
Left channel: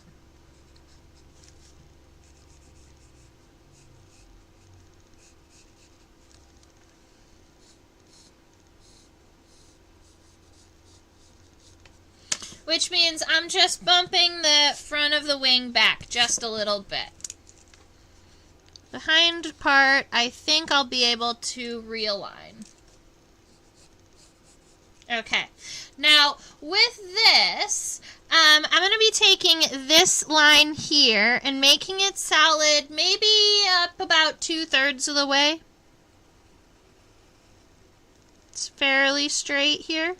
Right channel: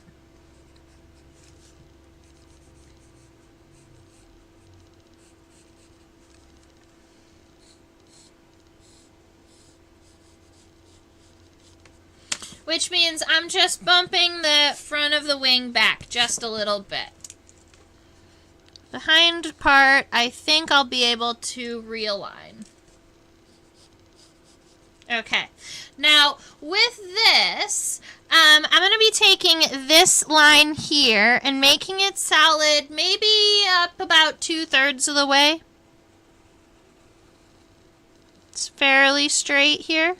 which means I'm just bumping the front of the wing back just a little bit. The hind part, I think I'll be able to realign. Okay, now with this, I'm going to be taking this line here and making it solid, maybe up about 2/3 of the way. It's fairly straight here.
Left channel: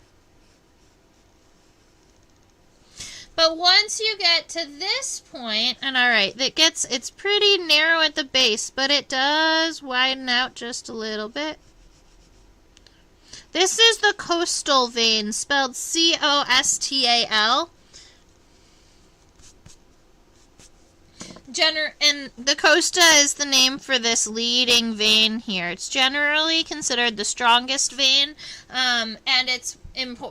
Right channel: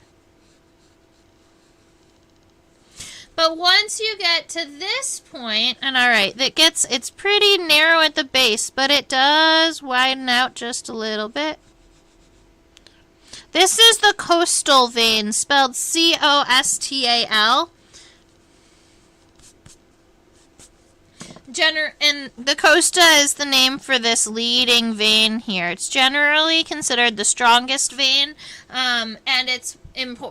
But once you get to this point, and alright, it's pretty narrow at the base, but it does widen out just a little bit. This is the coastal vein, spelled C-O-S-T-A-L. And the costa is the name for this leading vein here. It's generally considered the strongest vein, and it's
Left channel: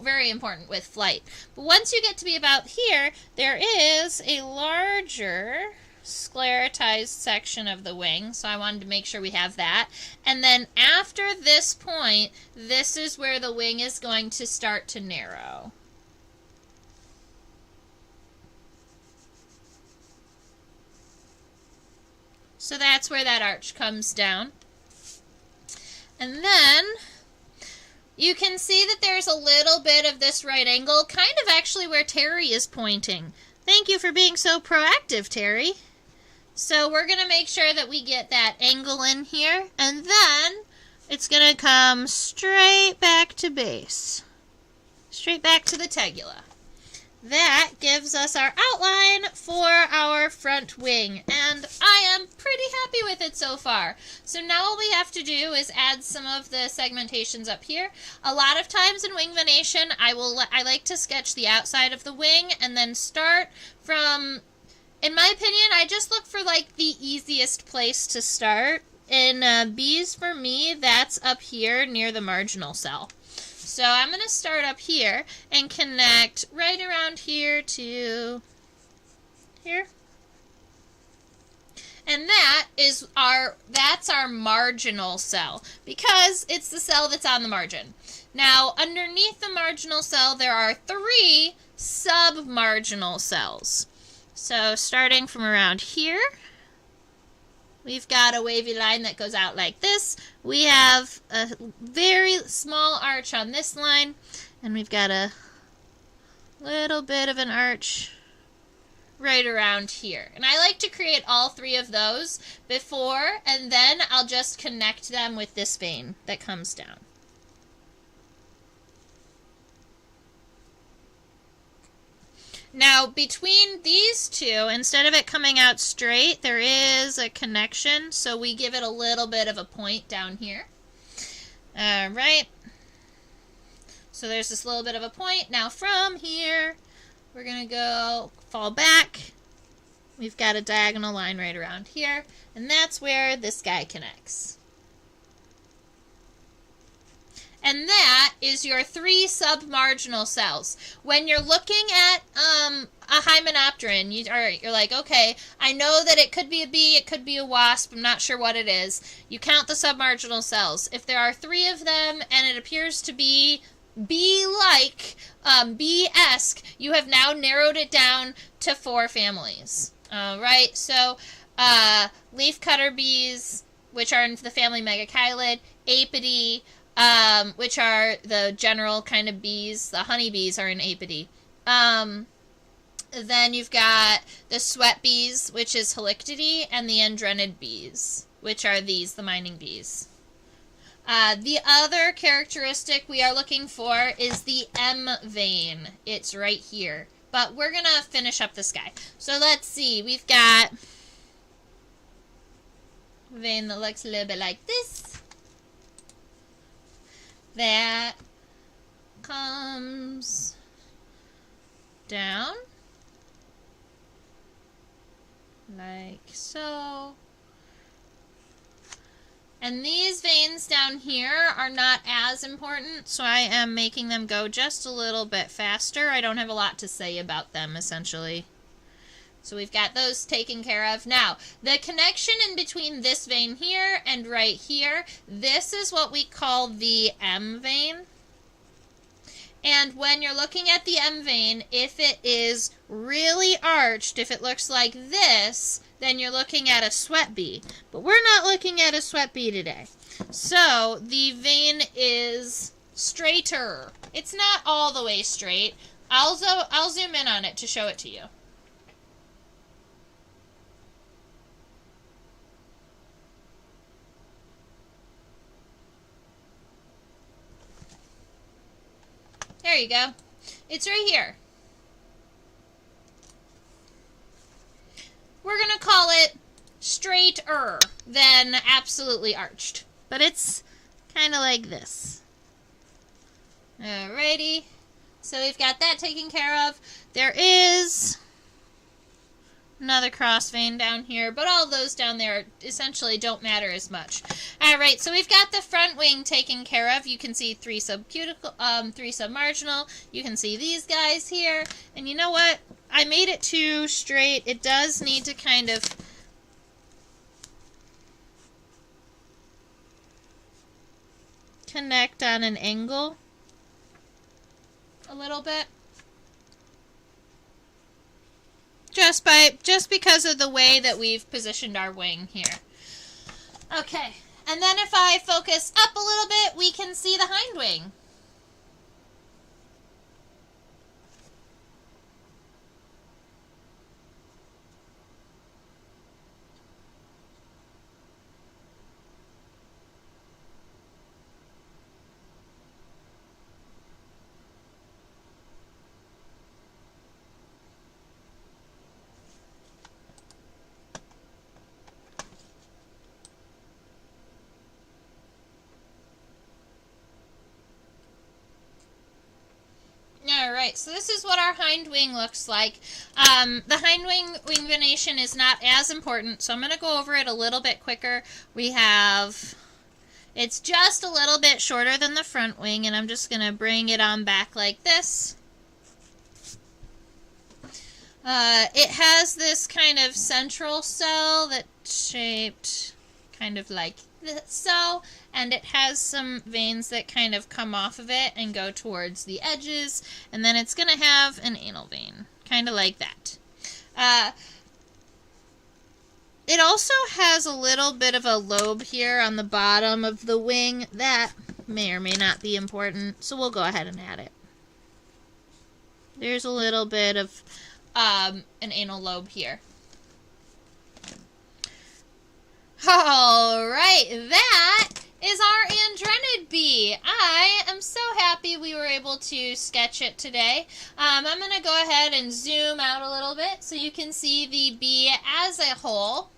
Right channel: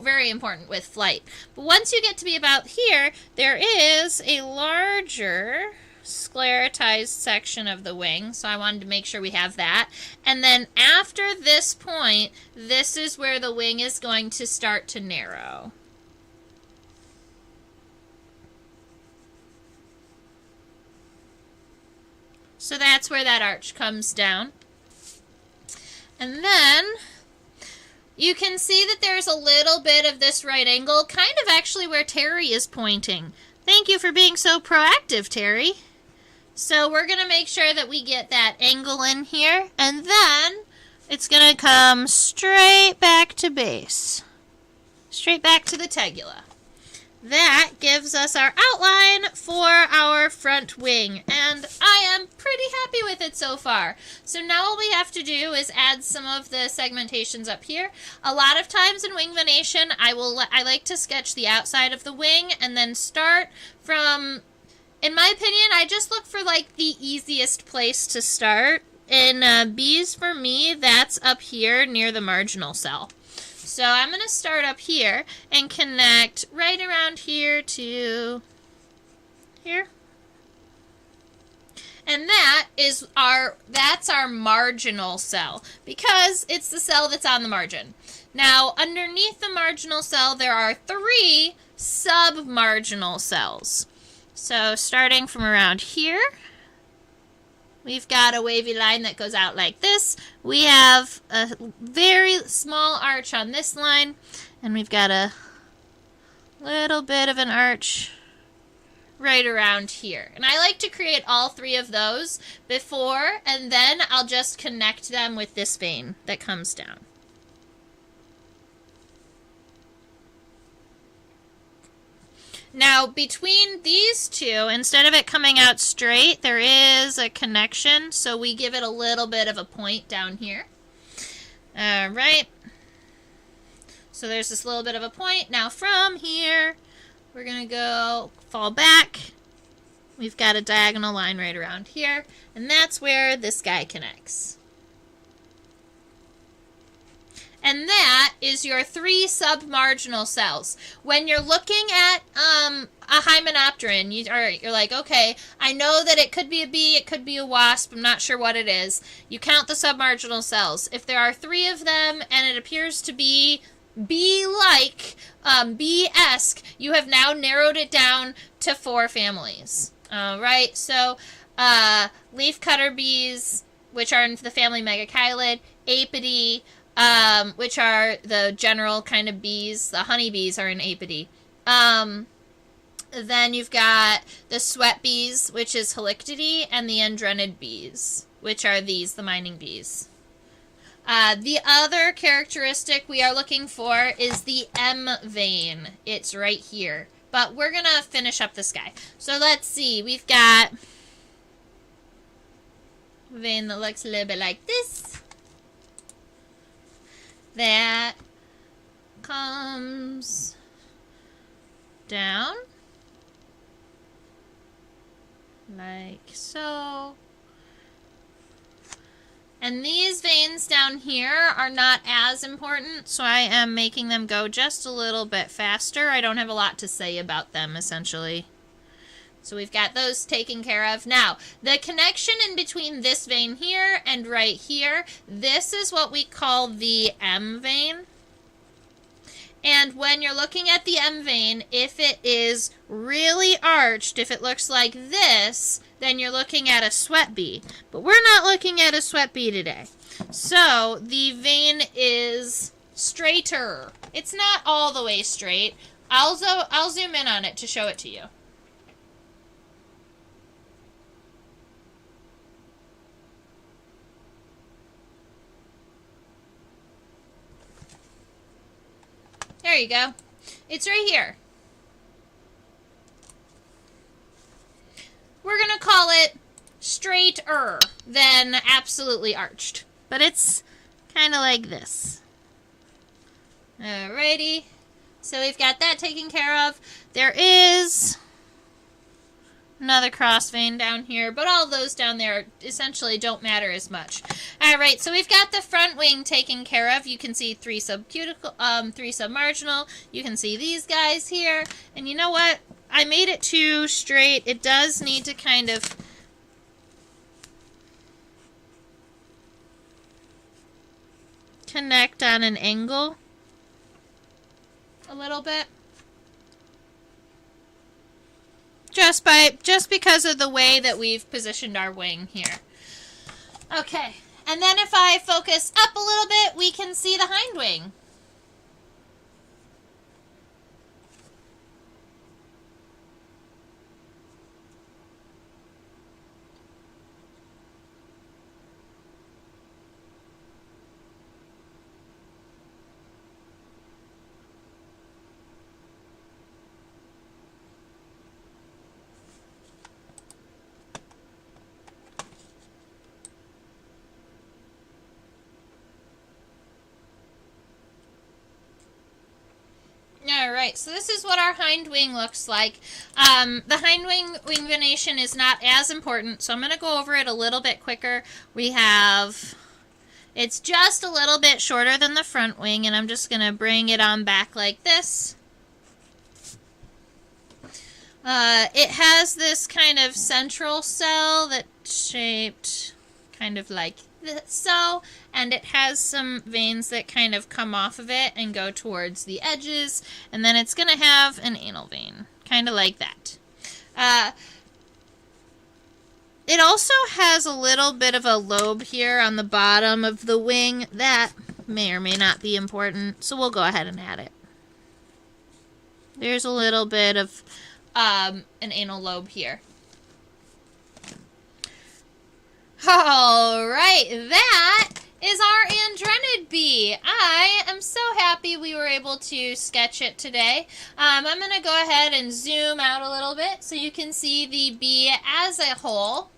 very important with flight. But once you get to be about here, there is a larger sclerotized section of the wing, so I wanted to make sure we have that. And then after this point, this is where the wing is going to start to narrow. So that's where that arch comes down. And then you can see that there's a little bit of this right angle, kind of actually where Terry is pointing. Thank you for being so proactive, Terry. So we're going to make sure that we get that angle in here, and then it's going to come straight back to base. Straight back to the tegula. That gives us our outline for our front wing, and I am pretty happy with it so far. So now all we have to do is add some of the segmentations up here. A lot of times in wing venation, I like to sketch the outside of the wing and then start from, in my opinion, I just look for like the easiest place to start. In bees, for me, that's up here near the marginal cell. So I'm going to start up here and connect right around here to here. And that's our marginal cell, because it's the cell that's on the margin. Now, underneath the marginal cell, there are 3 sub-marginal cells. So starting from around here, we've got a wavy line that goes out like this. We have a very small arch on this line, and we've got a little bit of an arch right around here. And I like to create all 3 of those before, and then I'll just connect them with this vein that comes down. Now, between these two, instead of it coming out straight, there is a connection, so we give it a little bit of a point down here. Alright. So there's this little bit of a point. Now from here, we're going to go fall back. We've got a diagonal line right around here, and that's where this guy connects. And that is your 3 submarginal cells. When you're looking at a hymenopteron, you're like, okay, I know that it could be a bee, it could be a wasp, I'm not sure what it is. You count the submarginal cells. If there are 3 of them and it appears to be bee-like, bee-esque, you have now narrowed it down to 4 families. Right, so leafcutter bees, which are in the family Megachilid, Apidae, which are the general kind of bees. The honeybees are in Apidae. Then you've got the sweat bees, which is Halictidae, and the Andrenid bees, which are these, the mining bees. The other characteristic we are looking for is the M vein. It's right here. But we're going to finish up this guy. So let's see. We've got a vein that looks a little bit like this. That comes down like so. And these veins down here are not as important, so I am making them go just a little bit faster. I don't have a lot to say about them, essentially. So we've got those taken care of. Now, the connection in between this vein here and right here, this is what we call the M vein. And when you're looking at the M vein, if it is really arched, if it looks like this, then you're looking at a sweat bee. But we're not looking at a sweat bee today. So the vein is straighter. It's not all the way straight. I'll zoom in on it to show it to you. There you go. It's right here. We're going to call it straighter than absolutely arched. But it's kind of like this. Alrighty. So we've got that taken care of. There is another cross vein down here, but all those down there essentially don't matter as much. Alright, so we've got the front wing taken care of. You can see 3 subcuticle, 3 submarginal. You can see these guys here. And you know what? I made it too straight. It does need to kind of connect on an angle a little bit. Just because of the way that we've positioned our wing here. Okay, and then if I focus up a little bit, we can see the hind wing. Alright, so this is what our hind wing looks like. The hind wing venation is not as important, so I'm going to go over it a little bit quicker. It's just a little bit shorter than the front wing, and I'm just going to bring it on back like this. It has this kind of central cell that's shaped kind of like so, and it has some veins that kind of come off of it and go towards the edges, and then it's going to have an anal vein, kind of like that. It also has a little bit of a lobe here on the bottom of the wing that may or may not be important, so we'll go ahead and add it. There's a little bit of an anal lobe here. Alright, that is our Andrenid bee. I am so happy we were able to sketch it today. I'm going to go ahead and zoom out a little bit so you can see the bee as a whole.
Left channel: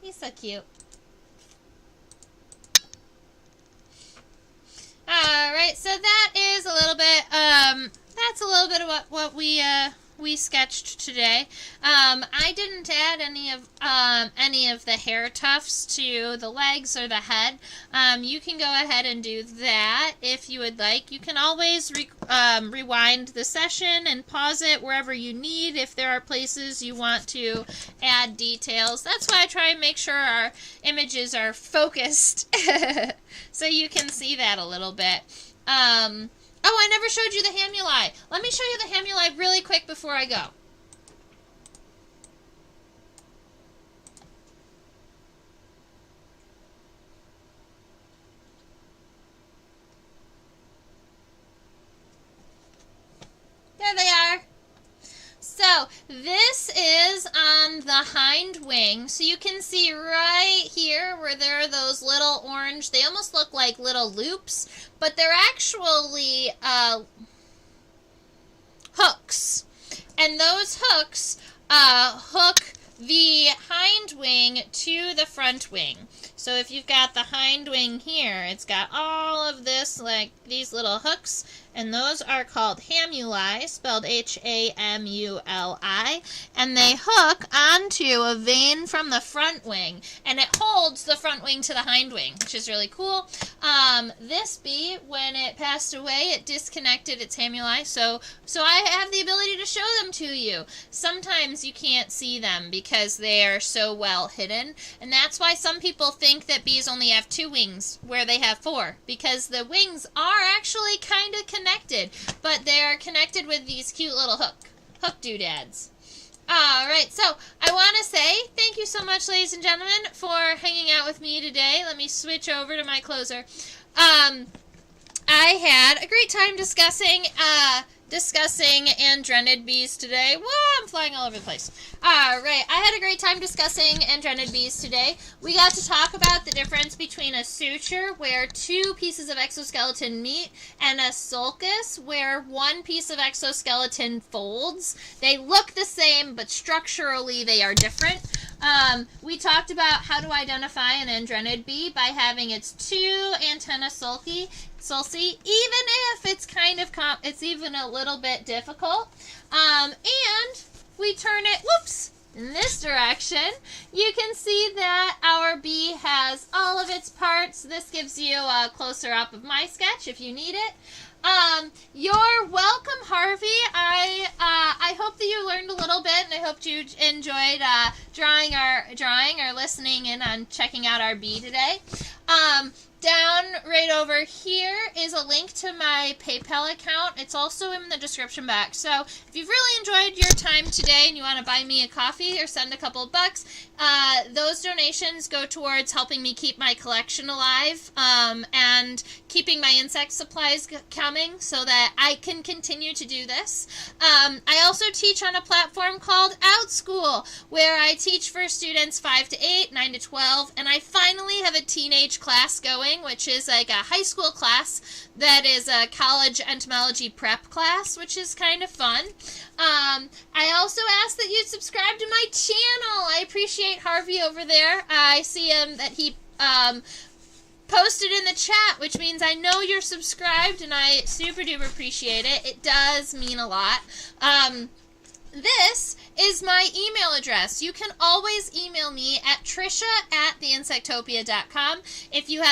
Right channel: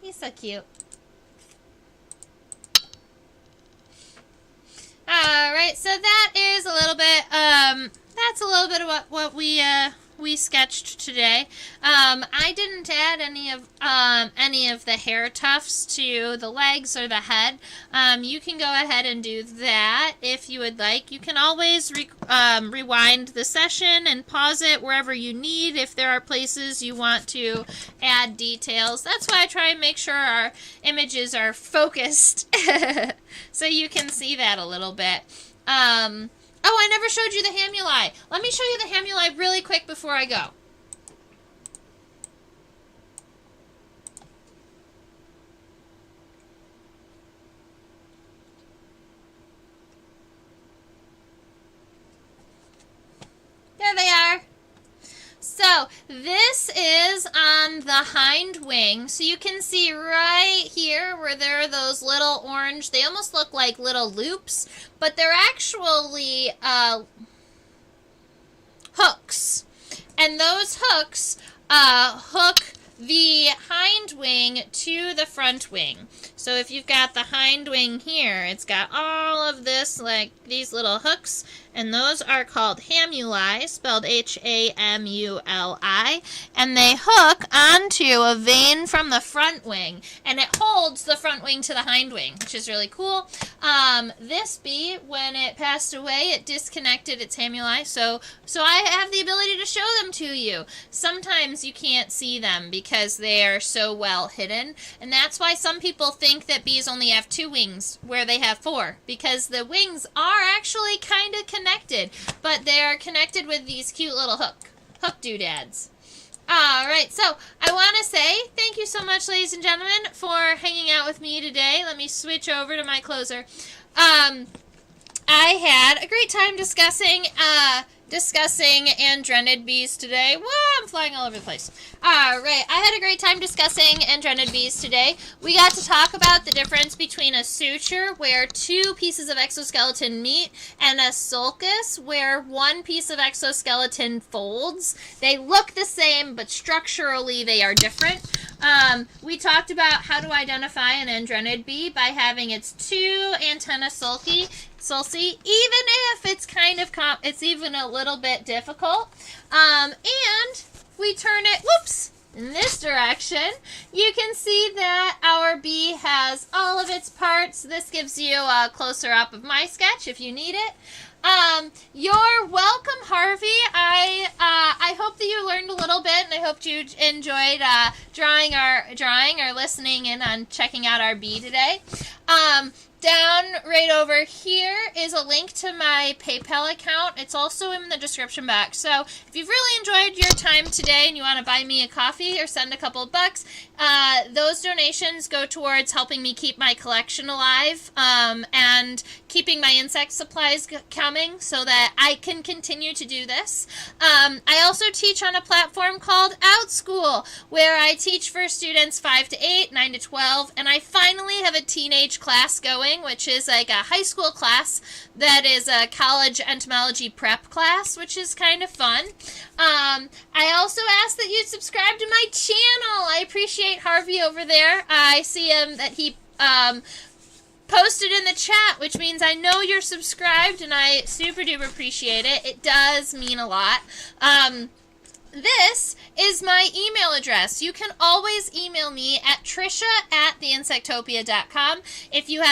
He's so cute. Alright, so that is a little bit, that's a little bit of what we sketched today. I didn't add any of the hair tufts to the legs or the head. You can go ahead and do that if you would like. You can always rewind the session and pause it wherever you need if there are places you want to add details. That's why I try and make sure our images are focused so you can see that a little bit. Oh, I never showed you the hamuli. Let me show you the hamuli really quick before I go. There they are. So, this is on the hind wing. So you can see right here where there are those little orange, they almost look like little loops, but they're actually hooks. And those hooks hook the hind wing to the front wing. So if you've got the hind wing here, it's got all of this, like these little hooks, and those are called hamuli, spelled H-A-M-U-L-I, and they hook onto a vein from the front wing, and it holds the front wing to the hind wing, which is really cool. This bee, when it passed away, it disconnected its hamuli, so I have the ability to show them to you. Sometimes you can't see them because because they are so well hidden. And that's why some people think that bees only have 2 wings where they have 4, because the wings are actually kind of connected, but they are connected with these cute little hook doodads. All right, so I want to say thank you so much, ladies and gentlemen, for hanging out with me today. Let me switch over to my closer. I had a great time discussing Andrenid bees today. Whoa, I'm flying all over the place. All right, I had a great time discussing Andrenid bees today. We got to talk about the difference between a suture, where 2 pieces of exoskeleton meet, and a sulcus, where 1 piece of exoskeleton folds. They look the same, but structurally they are different. We talked about how to identify an Andrenid bee by having its 2 antennae sulci, even if it's kind of it's even a little bit difficult. And we turn it, in this direction. You can see that our bee has all of its parts. This gives you a closer up of my sketch if you need it. You're welcome, Harvey. I hope that you learned a little bit, and I hope you enjoyed drawing or listening in on checking out our bee today. Down right over here is a link to my PayPal account. It's also in the description box. So if you've really enjoyed your time today and you want to buy me a coffee or send a couple of bucks, those donations go towards helping me keep my collection alive and keeping my insect supplies coming so that I can continue to do this. I also teach on a platform called OutSchool, where I teach for students 5 to 8, 9 to 12, and I finally have a teenage class going, which is like a high school class that is a college entomology prep class, which is kind of fun. I also ask that you subscribe to my channel. I appreciate Harvey over there. I see him that he posted in the chat, which means I know you're subscribed, and I super duper appreciate it. It does mean a lot. This is my email address. You can always email me at trisha@theinsectopia.com if you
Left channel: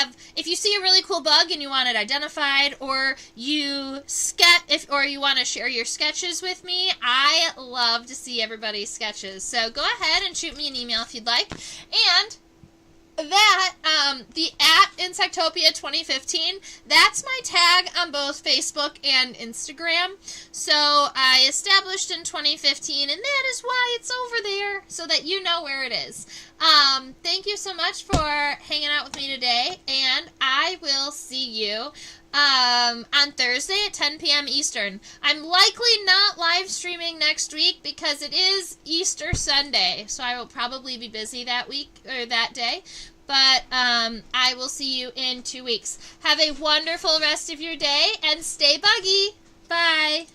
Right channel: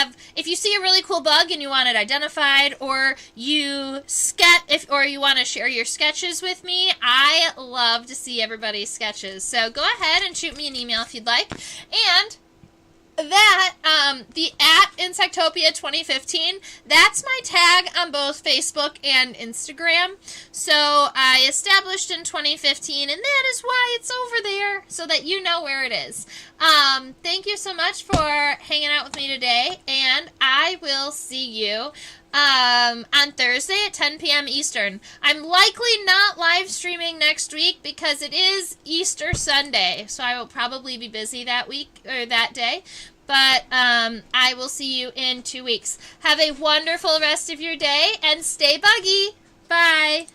see a really cool bug and you want it identified, or you want to share your sketches with me. I love to see everybody's sketches. So go ahead and shoot me an email if you'd like. And that, the @Insectopia 2015, that's my tag on both Facebook and Instagram. So I established in 2015, and that is why it's over there, so that you know where it is. Thank you so much for hanging out with me today, and I will see you on Thursday at 10 p.m. Eastern. I'm likely not live streaming next week because it is Easter Sunday, so I will probably be busy that week or that day. But I will see you in 2 weeks. Have a wonderful rest of your day and stay buggy. Bye.